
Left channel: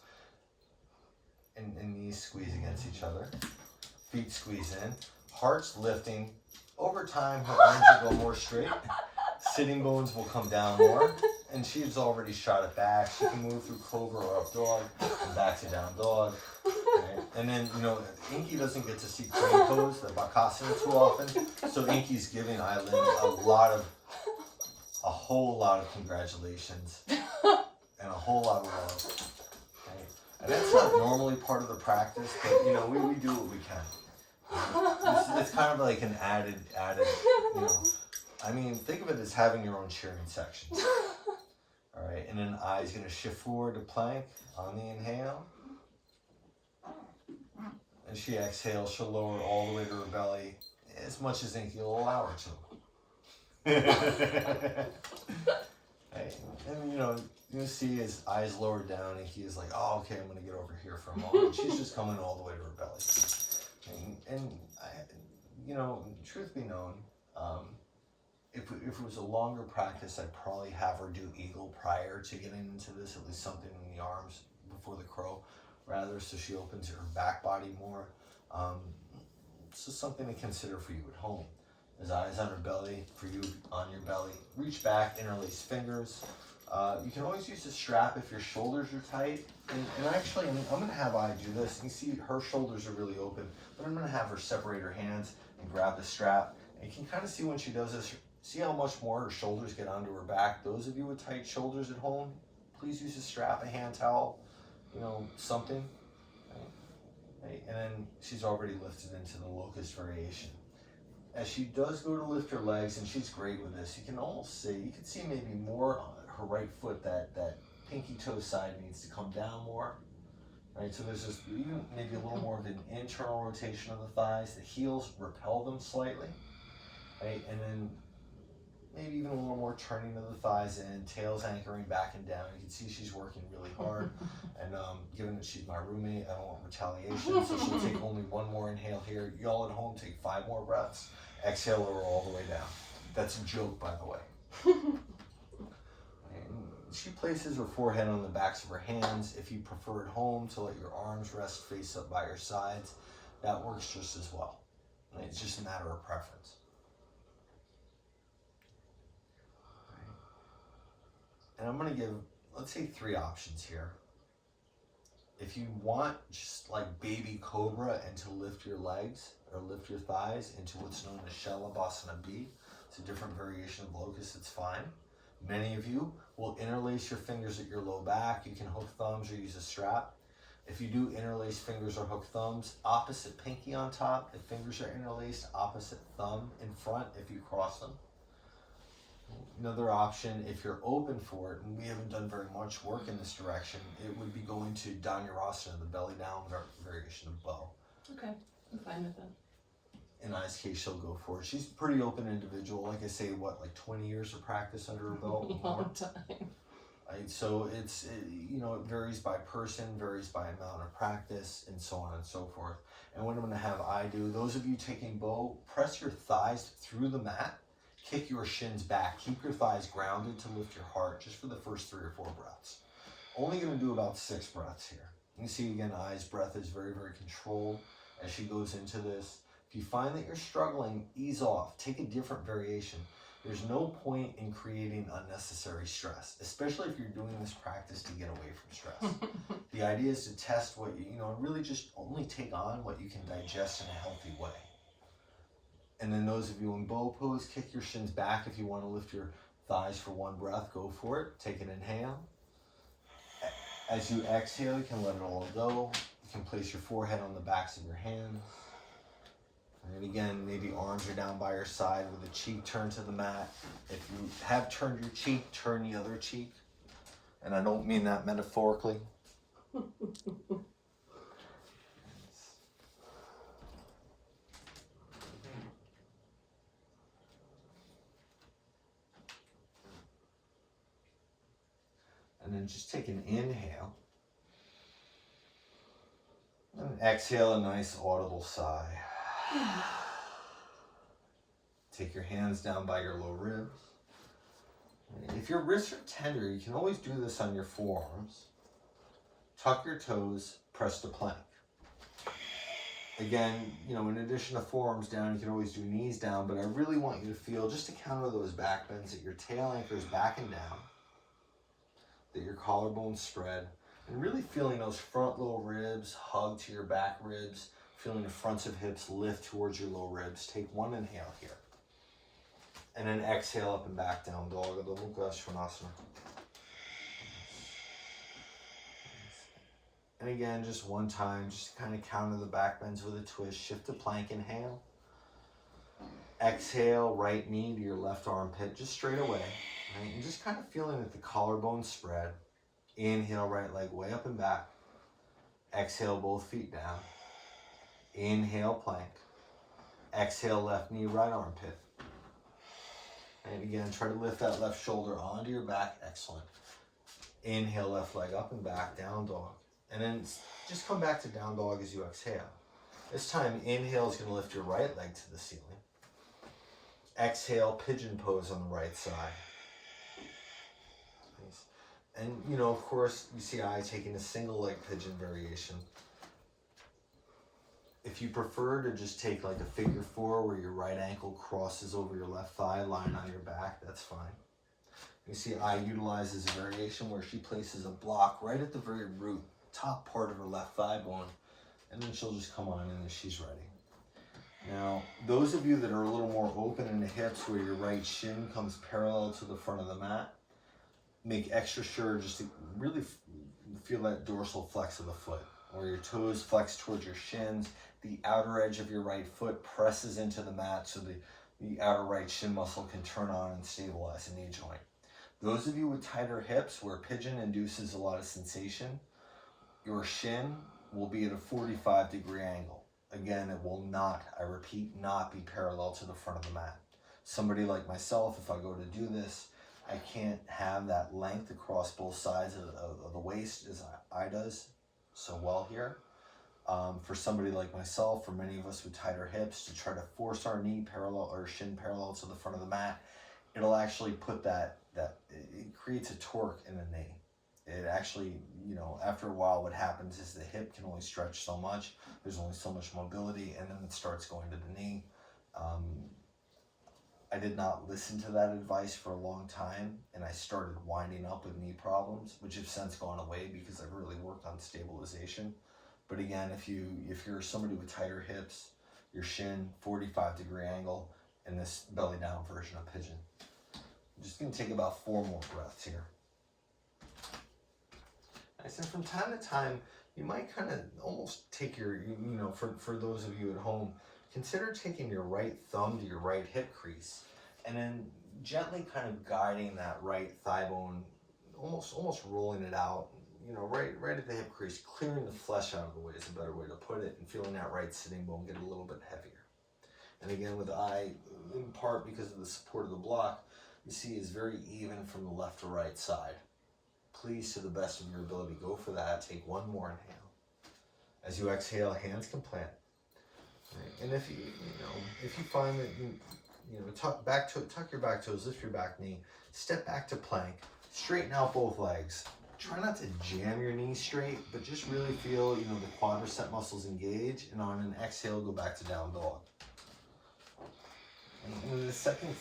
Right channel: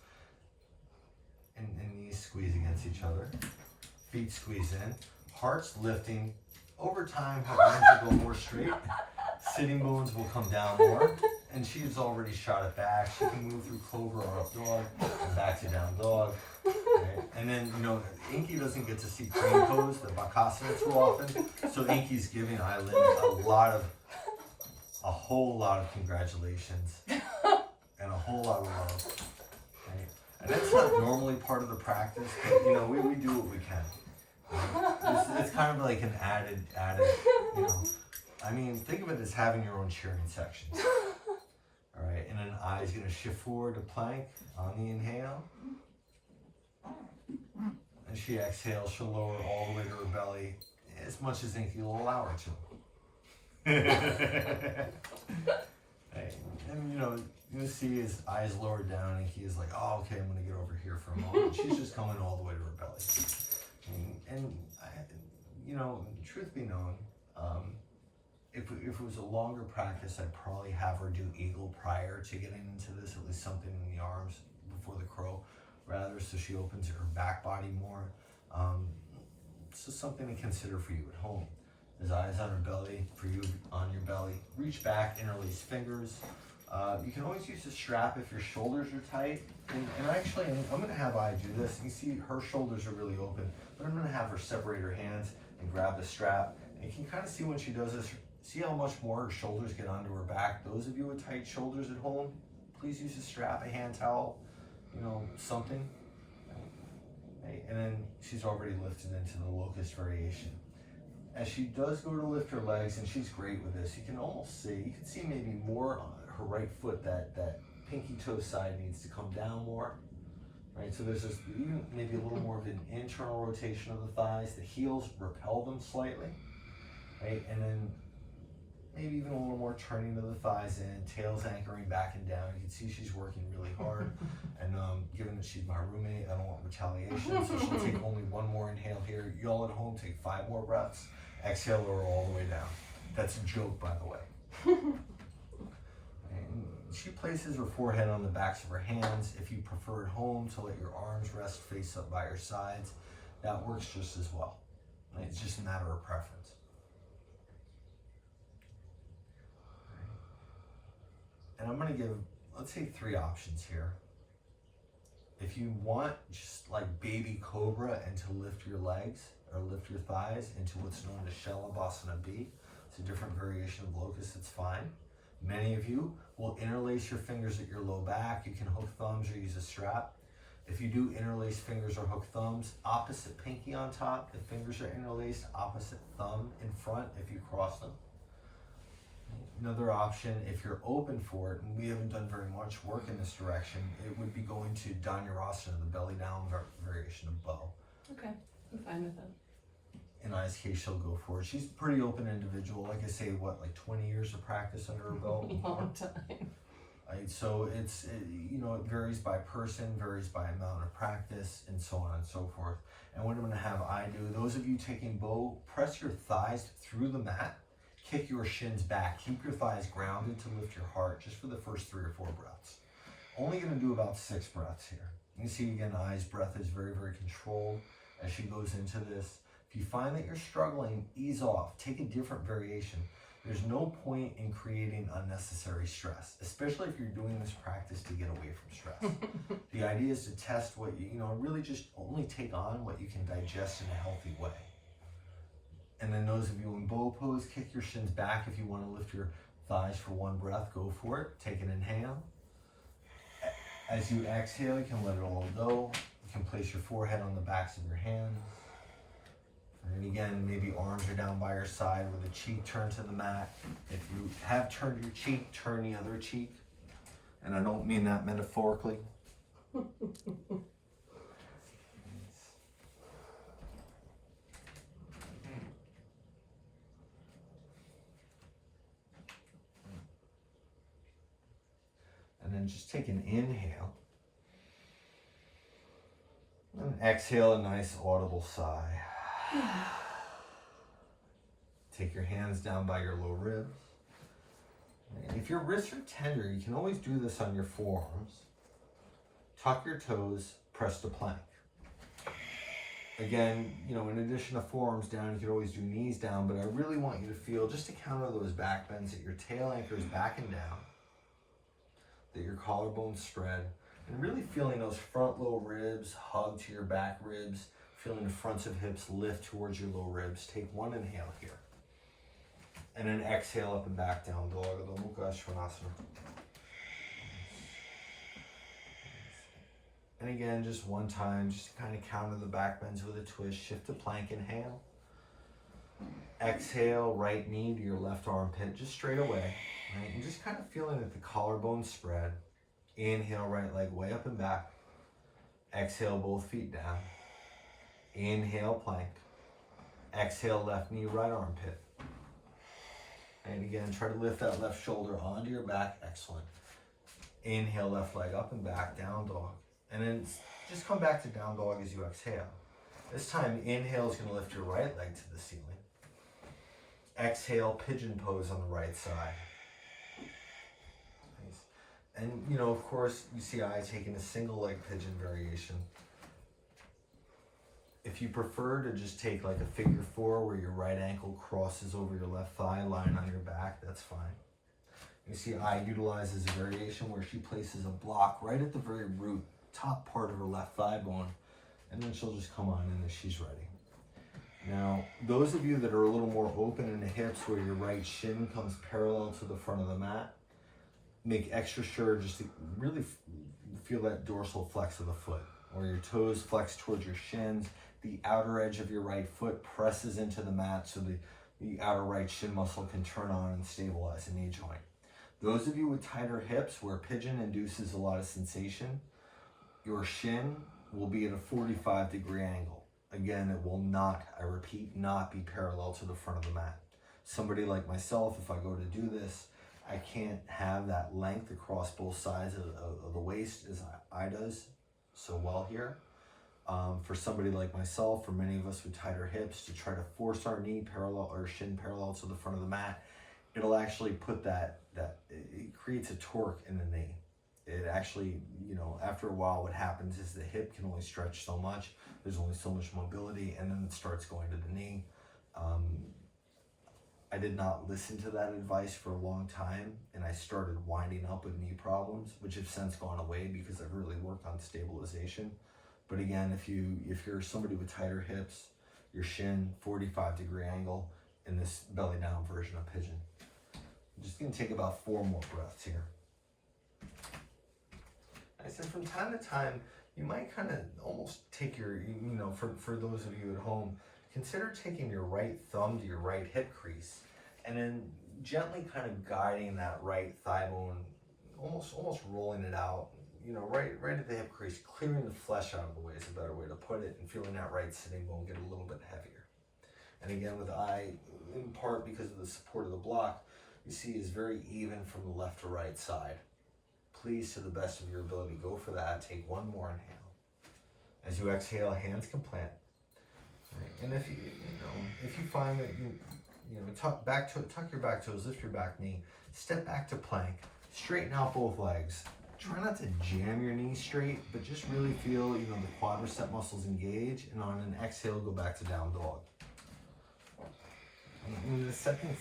and knees squeeze against each other. Feet squeeze in, heart's lifting. Over time, her arms will go more straight. Sitting bones will come down more. And she's already shot it back. She can move through cobra or up dog and back to down dog. Right? And then, you know, Inky doesn't get to see crane pose, the Bakasana, too often. So Inky's giving Ay Lin a whole lot of congratulations and a whole lot of love. Right? And that's not normally part of the practice, but, you know, we do what we can. It's kind of like an added, you know. I mean, think of it as having your own cheering section. All right, and then Ay's going to shift forward to plank on the inhale. As she exhales, she'll lower all the way to her belly as much as Inky will allow her to. Right. And, you know, you see his eyes lowered down, Inky is like, oh, okay, I'm going to get over here for a moment. She's just coming all the way to her belly. And you know, truth be known, if it was a longer practice, I'd probably have her do eagle prior to getting into this, at least something in the arms before the crow, rather, so she opens her back body more. It's just something to consider for you at home. His eyes on her belly, for you on your belly. Reach back, interlace fingers. You can always use a strap if your shoulders are tight. And actually, I'm going to have Ay do this. You see her shoulders are really open, but I'm going to have her separate her hands and grab the strap. And you can kind of see when she does this, see how much more her shoulders get onto her back. Those of you with tight shoulders at home, please use a strap, a hand towel, you know, something. Right? And then she's already lifted into the locust variation. As she does go to lift her legs, and she's great with this, you can almost see, you can see maybe more on her right foot, that pinky toe side needs to come down more. Right, so there's this, even maybe a little more of an internal rotation of the thighs. The heels repel them slightly, right? And then maybe even a little more turning of the thighs in, tails anchoring back and down. You can see she's working really hard. And given that she's my roommate, I don't want retaliation, so she'll take only one more inhale here. Y'all at home take 5 more breaths. Exhale her all the way down. That's a joke, by the way. She places her forehead on the backs of her hands. If you prefer at home to let your arms rest face up by your sides, that works just as well. It's just a matter of preference. And I'm going to give, let's say, 3 options here. If you want just like baby cobra and to lift your legs or lift your thighs into what's known as Shalabhasana B, it's a different variation of locust, it's fine. Many of you will interlace your fingers at your low back. You can hook thumbs or use a strap. If you do interlace fingers or hook thumbs, opposite pinky on top, the fingers are interlaced, opposite thumb in front if you cross them. Another option, if you're open for it, and we haven't done very much work in this direction, it would be going to Dhanurasana, the belly down variation of bow. Okay, I'm fine with that. in Ay's case, she'll go for it. She's a pretty open individual. Like I say, what, like 20 years of practice under her belt? Long time. So it varies by person, varies by amount of practice, and so on and so forth. And what I'm gonna have Ay do, those of you taking bow, press your thighs through the mat, kick your shins back, keep your thighs grounded to lift your heart just for the first 3 or 4 breaths. Only gonna do about 6 breaths here. You can see again, Ay's breath is very, very controlled as she goes into this. If you find that you're struggling, ease off, take a different variation. There's no point in creating unnecessary stress, especially if you're doing this practice to get away from stress. The idea is to test what really just only take on what you can digest in a healthy way. And then those of you in bow pose, kick your shins back. If you want to lift your thighs for 1 breath, go for it. Take an inhale. As you exhale, you can let it all go. You can place your forehead on the backs of your hands. And again, maybe arms are down by your side with a cheek turned to the mat. If you have turned your cheek, turn the other cheek. And I don't mean that metaphorically. And then just take an inhale. And exhale, a nice audible sigh. Take your hands down by your low ribs. If your wrists are tender, you can always do this on your forearms. Tuck your toes, press to plank. Again, in addition to forearms down, you can always do knees down, but I really want you to feel, just to counter those back bends, that your tail anchors back and down, that your collarbones spread, and really feeling those front low ribs hug to your back ribs, feeling the fronts of hips lift towards your low ribs. Take 1 inhale here. And then exhale up and back down dog, Adho Mukha Svanasana. And again, just 1 time, just to kind of counter the back bends with a twist. Shift to plank, inhale. Exhale, right knee to your left armpit, just straight away. Right? And just kind of feeling that the collarbone spread. Inhale, right leg way up and back. Exhale, both feet down. Inhale, plank. Exhale, left knee, right armpit. And again, try to lift that left shoulder onto your back. Excellent. Inhale, left leg up and back, down dog. And then just come back to down dog as you exhale. This time, inhale is going to lift your right leg to the ceiling. Exhale, pigeon pose on the right side. Nice. And, of course, you see Ay taking a single leg pigeon variation. If you prefer to just take like a figure 4 where your right ankle crosses over your left thigh, lying on your back, that's fine. You see Ay utilizes a variation where she places a block right at the very root, top part of her left thigh bone, and then she'll just come on in as she's ready. Now, those of you that are a little more open in the hips where your right shin comes parallel to the front of the mat, make extra sure just to really feel that dorsal flex of the foot, where your toes flex towards your shins. The outer edge of your right foot presses into the mat so the outer right shin muscle can turn on and stabilize the knee joint. Those of you with tighter hips where pigeon induces a lot of sensation, your shin will be at a 45-degree angle. Again, it will not, I repeat, not be parallel to the front of the mat. Somebody like myself, if I go to do this, I can't have that length across both sides of the waist as Ay does so well here. For somebody like myself, for many of us with tighter hips, to try to force our knee parallel or shin parallel to the front of the mat, it'll actually put it creates a torque in the knee. It actually, after a while, what happens is the hip can only stretch so much. There's only so much mobility, and then it starts going to the knee. I did not listen to that advice for a long time, and I started winding up with knee problems, which have since gone away because I've really worked on stabilization. But again, if you're somebody with tighter hips, your shin, 45-degree angle, in this belly down version of pigeon. I'm just gonna take about 4 more breaths here. I said from time to time, you might kind of almost take your, for those of you at home, consider taking your right thumb to your right hip crease and then gently kind of guiding that right thigh bone, almost rolling it out, right at the hip crease, clearing the flesh out of the way is a better way to put it, and feeling that right sitting bone get a little bit heavier. And again, with Ay, in part because of the support of the block, you see is very even from the left to right side. Please, to the best of your ability, go for that. Take one more inhale. As you exhale, hands can plant. Right. And if if you find that tuck your back toes, lift your back knee, step back to plank, straighten out both legs. Try not to jam your knees straight, but just really feel, the quadricep muscles engage, and on an exhale, go back to down dog. And then the second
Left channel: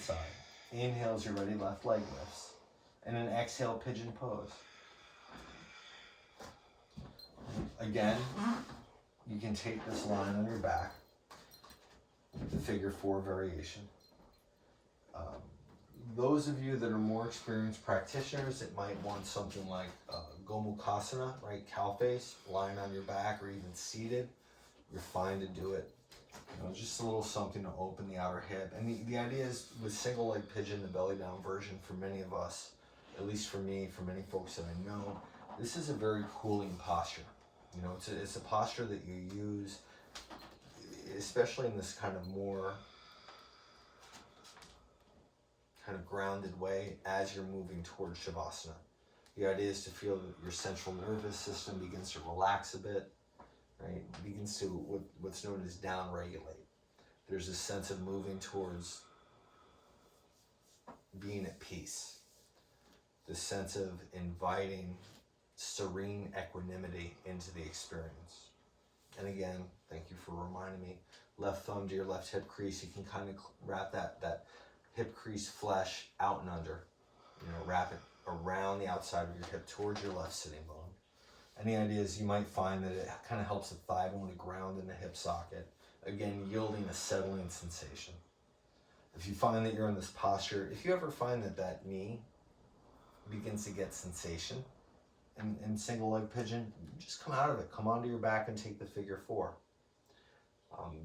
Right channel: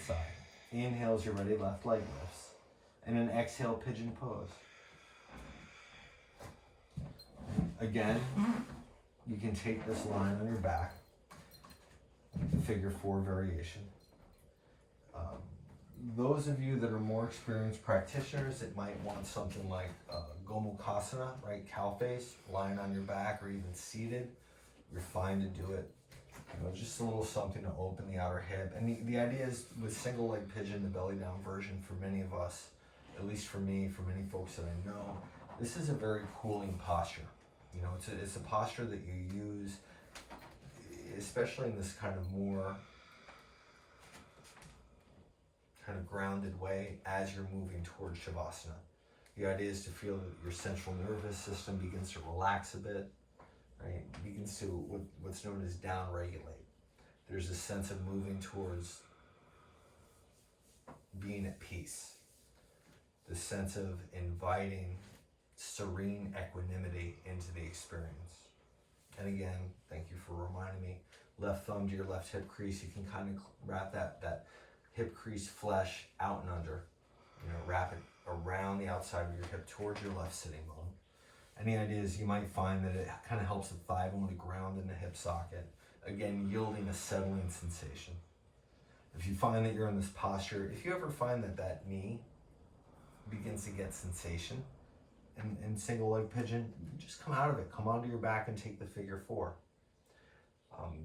side. Inhale as you're ready, left leg lifts. And then exhale, pigeon pose. Again, you can take this line on your back, the figure 4 variation. Those of you that are more experienced practitioners that might want something like Bakasana, right? Cow face, lying on your back or even seated, you're fine to do it. Just a little something to open the outer hip. And the idea is with single leg pigeon, the belly down version, for many of us, at least for me, for many folks that I know, this is a very cooling posture. It's a posture that you use, especially in this kind of more grounded way as you're moving towards Shavasana. The idea is to feel that your central nervous system begins to relax a bit, right? Begins to what's known as down regulate. There's a sense of moving towards being at peace. The sense of inviting serene equanimity into the experience. And again, thank you for reminding me, left thumb to your left hip crease, you can kind of wrap that hip crease flesh out and under, wrap it around the outside of your hip towards your left sitting bone. And the idea is you might find that it kind of helps the thigh bone to ground in the hip socket, again, yielding a settling sensation. If you find that you're in this posture, if you ever find that knee begins to get sensation in single leg pigeon, just come out of it, come onto your back and take the figure 4.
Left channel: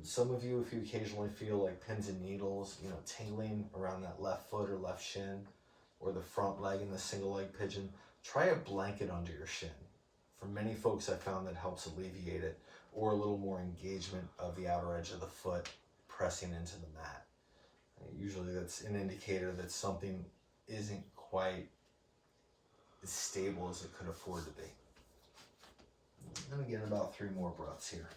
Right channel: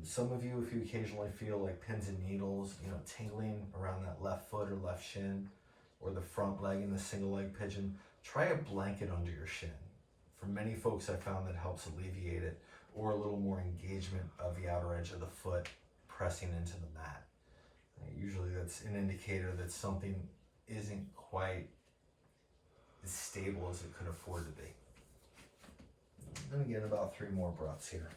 Some of you, if you occasionally feel like pins and needles, tingling around that left foot or left shin, or the front leg in the single leg pigeon, try a blanket under your shin. For many folks, I found that helps alleviate it, or a little more engagement of the outer edge of the foot pressing into the mat. Usually that's an indicator that something isn't quite as stable as it could afford to be. I'm going to get about 3 more breaths here.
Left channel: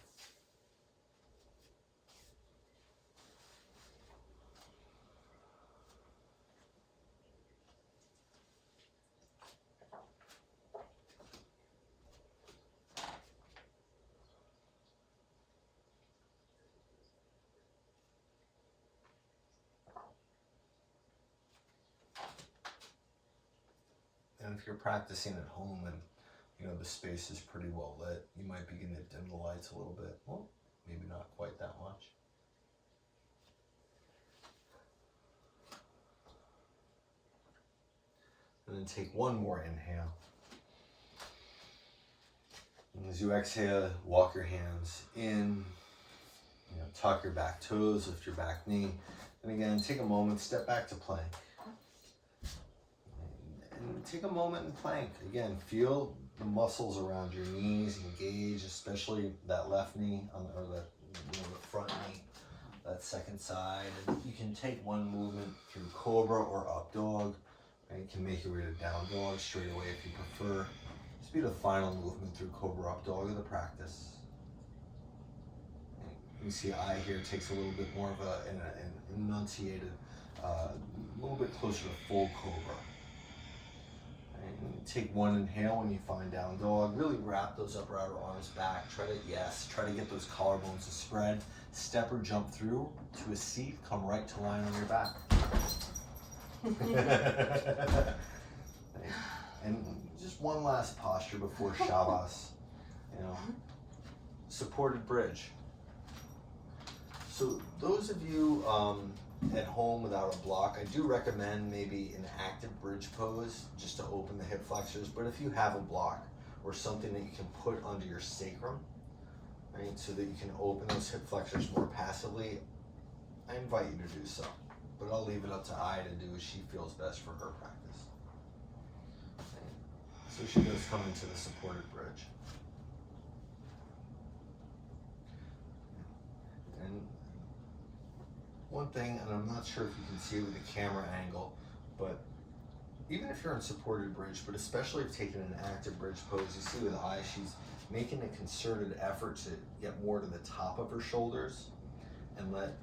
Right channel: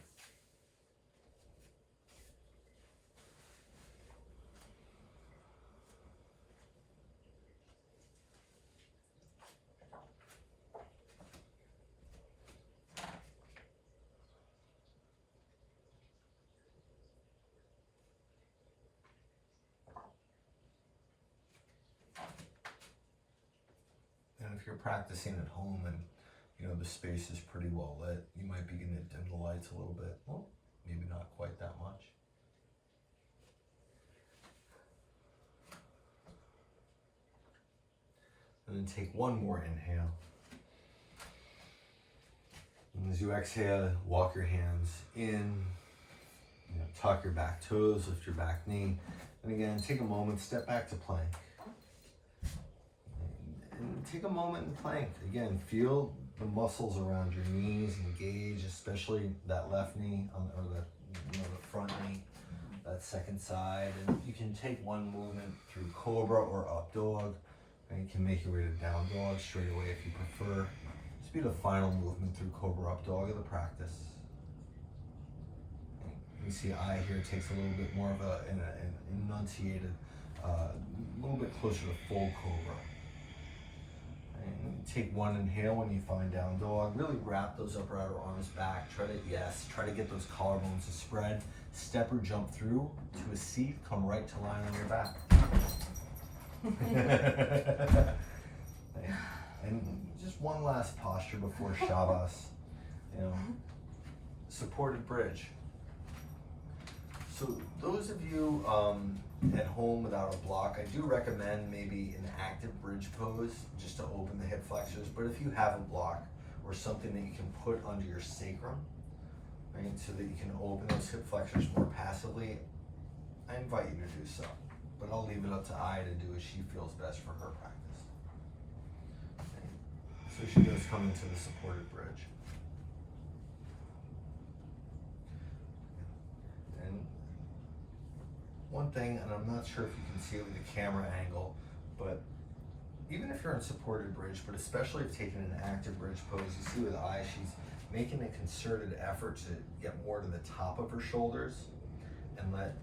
And if you're practicing at home and the space is pretty well lit, you might begin to dim the lights a little bit. Well, maybe not quite that much. And then take one more inhale. And as you exhale, walk your hands in, tuck your back toes, lift your back knee. And again, take a moment, step back to plank. And take a moment in plank. Again, feel the muscles around your knees engage, especially that left knee, or the front knee, that second side. And you can take one movement through cobra or up dog. And you can make your way to down dog straight away if you prefer. This will be the final movement through cobra up dog of the practice. You see Ay here takes a little bit more of an enunciated, a little bit closer to full cobra. And take one inhale when you find down dog. Really wrap those upper outer arms back. Try to get those collarbones to spread. Step or jump through to a seat. Come right to line on your back. And just one last posture before Shavas. Supported bridge. So those of you at home without a block, I do recommend maybe an active bridge pose just to open the hip flexors. But if you have a block or something that you can put under your sacrum, right, so that you can open those hip flexors more passively, I invite you to do so. But I'll leave it up to Ay to do as she feels best for her practice. Okay. So she goes come into the supported bridge. one thing, and I'm not sure if you can see it with the camera angle, but even if you're in supported bridge, but especially if taking an active bridge pose, you see with Ay, she's making a concerted effort to get more to the top of her shoulders and let,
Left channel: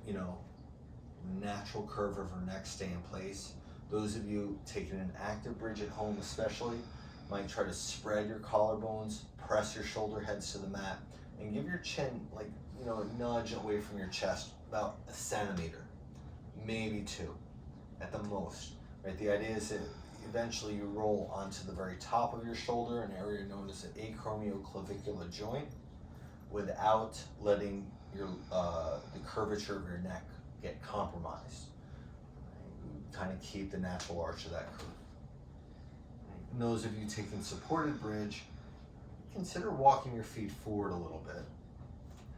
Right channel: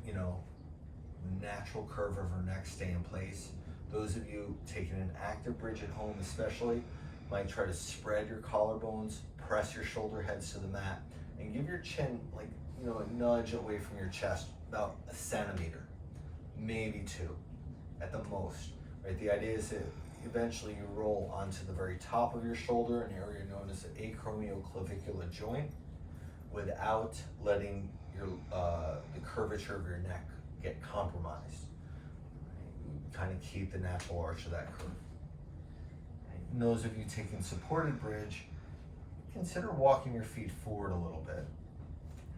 natural curve of her neck stay in place. Those of you taking an active bridge at home especially might try to spread your collarbones, press your shoulder heads to the mat, and give your chin a nudge away from your chest, about a centimeter, maybe 2 at the most, right? The idea is that eventually you roll onto the very top of your shoulder, an area known as the acromioclavicular joint, without letting the curvature of your neck get compromised. Kind of keep the natural arch of that curve. And those of you taking supported bridge, consider walking your feet forward a little bit.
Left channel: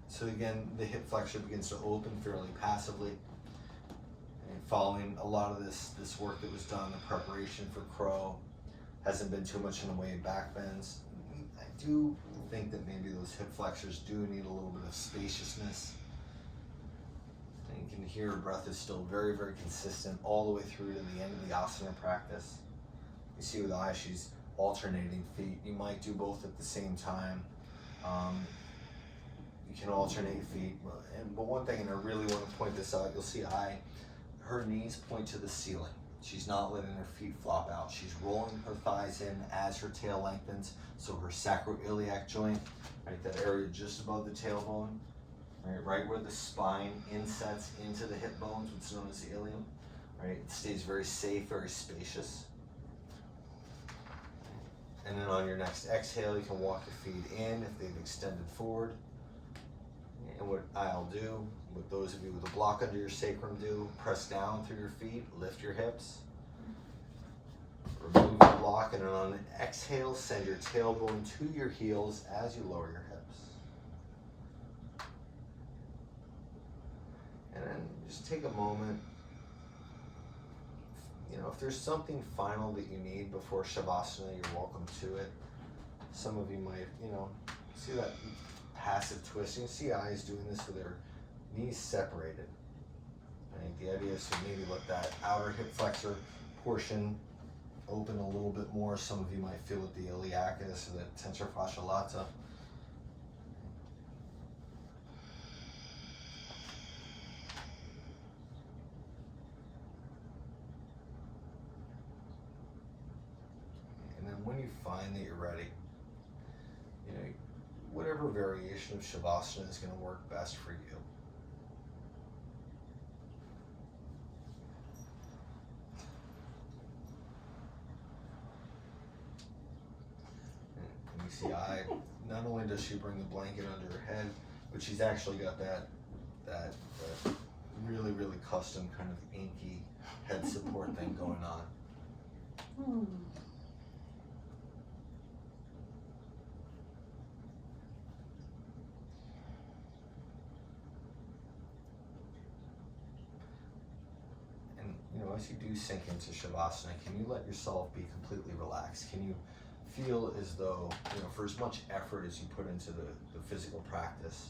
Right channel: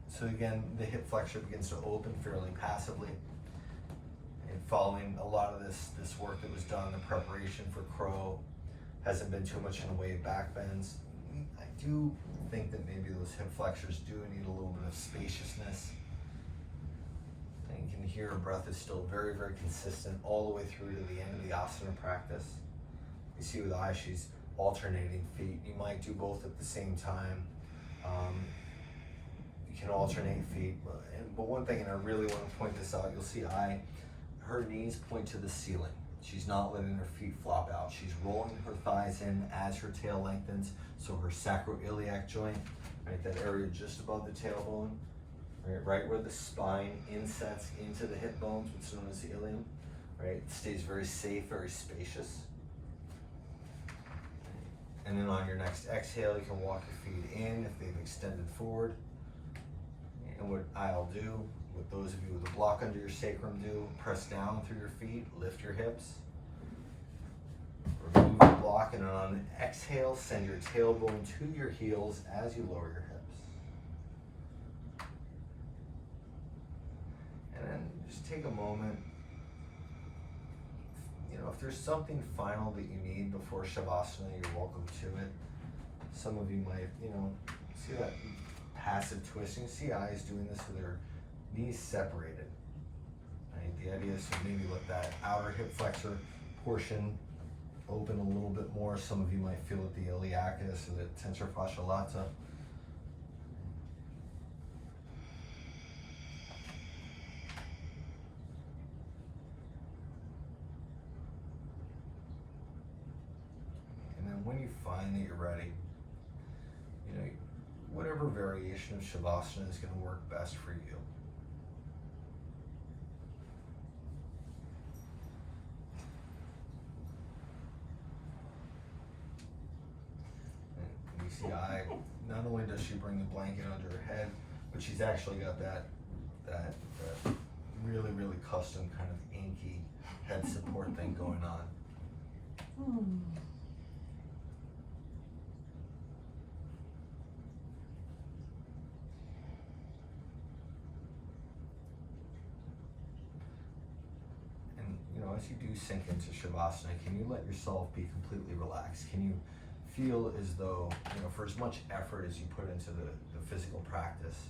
So again, the hip flexor begins to open fairly passively. And following a lot of this work that was done, the preparation for crow, hasn't been too much in the way of back bends. I do think that maybe those hip flexors do need a little bit of spaciousness. And you can hear her breath is still very, very consistent all the way through to the end of the asana practice. You see with Ay, she's alternating feet. You might do both at the same time. You can alternate feet, but one thing, and I really want to point this out, you'll see Ay, her knees point to the ceiling. She's not letting her feet flop out. She's rolling her thighs in as her tail lengthens, so her sacroiliac joint, right, that area just above the tailbone, right where the spine insets into the hip bones, what's known as the ilium, right, it stays very safe, very spacious. And then on your next exhale, you can walk your feet in if they've extended forward. And what I'll do, what those of you with a block under your sacrum do, press down through your feet, lift your hips, remove the block, and then on an exhale, send your tailbone to your heels as you lower your hips. And then just take a moment. If there's something final that you need before Shavasana, you're welcome to it. Some of you might, see that passive twist. You see Ay's doing this with her knees separated. Right? The idea is to maybe let that outer hip flexor portion open a little bit more. Some of you might feel it, the iliacus or the tensor fascia lata. When you find that you're ready, whatever variation of Shavasana is going to work best for you. And you see Ay, not only does she bring the blanket under her head, but she's actually got that really, really custom kind of inky head support thing going on. As you do sink into Shavasana, can you let yourself be completely relaxed? Can you feel as though, for as much effort as you put into the physical practice,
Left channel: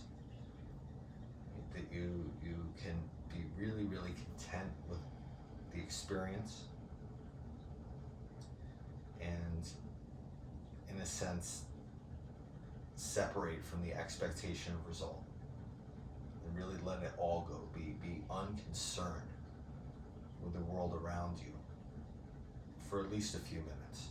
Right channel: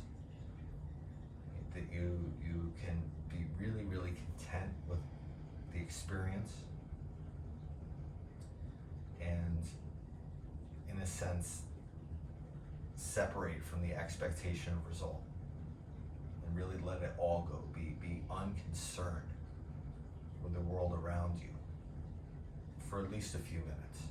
that you can be really, really content with the experience and, in a sense, separate from the expectation of result and really let it all go. Be unconcerned with the world around you for at least a few minutes.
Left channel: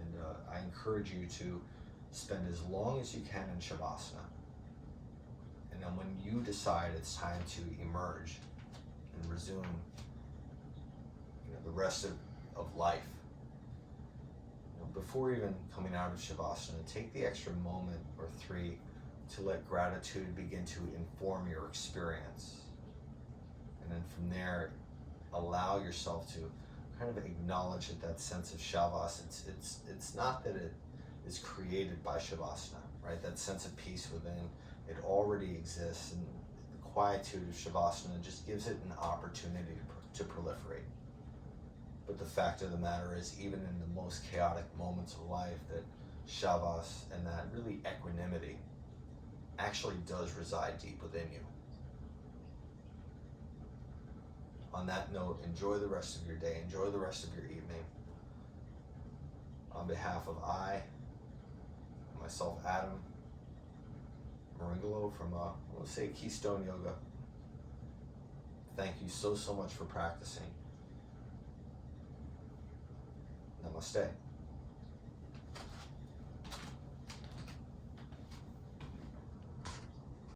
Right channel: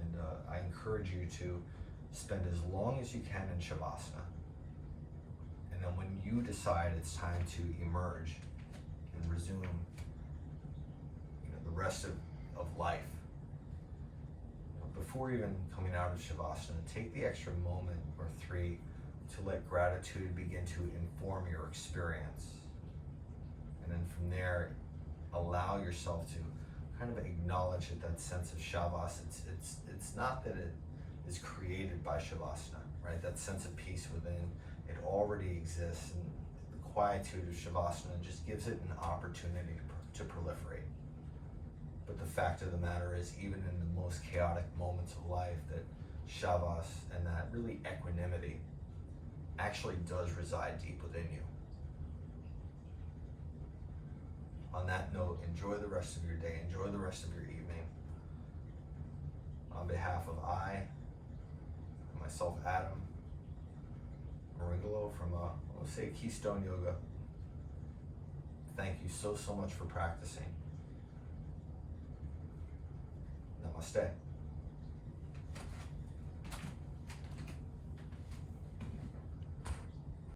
And I encourage you to spend as long as you can in Shavasana. And then when you decide it's time to emerge and resume the rest of life, before even coming out of Shavasana, take the extra moment or 3 to let gratitude begin to inform your experience. And then from there, allow yourself to kind of acknowledge that sense of Shavas. It's not that it is created by Shavasana, right? That sense of peace within, it already exists, and the quietude of Shavasana just gives it an opportunity to proliferate. But the fact of the matter is, even in the most chaotic moments of life, that shavas, and that really equanimity actually does reside deep within you. On that note, enjoy the rest of your day, enjoy the rest of your evening. On behalf of myself, Adam, Meringolo from, we'll say Keystone Yoga, thank you so much for practicing. Namaste.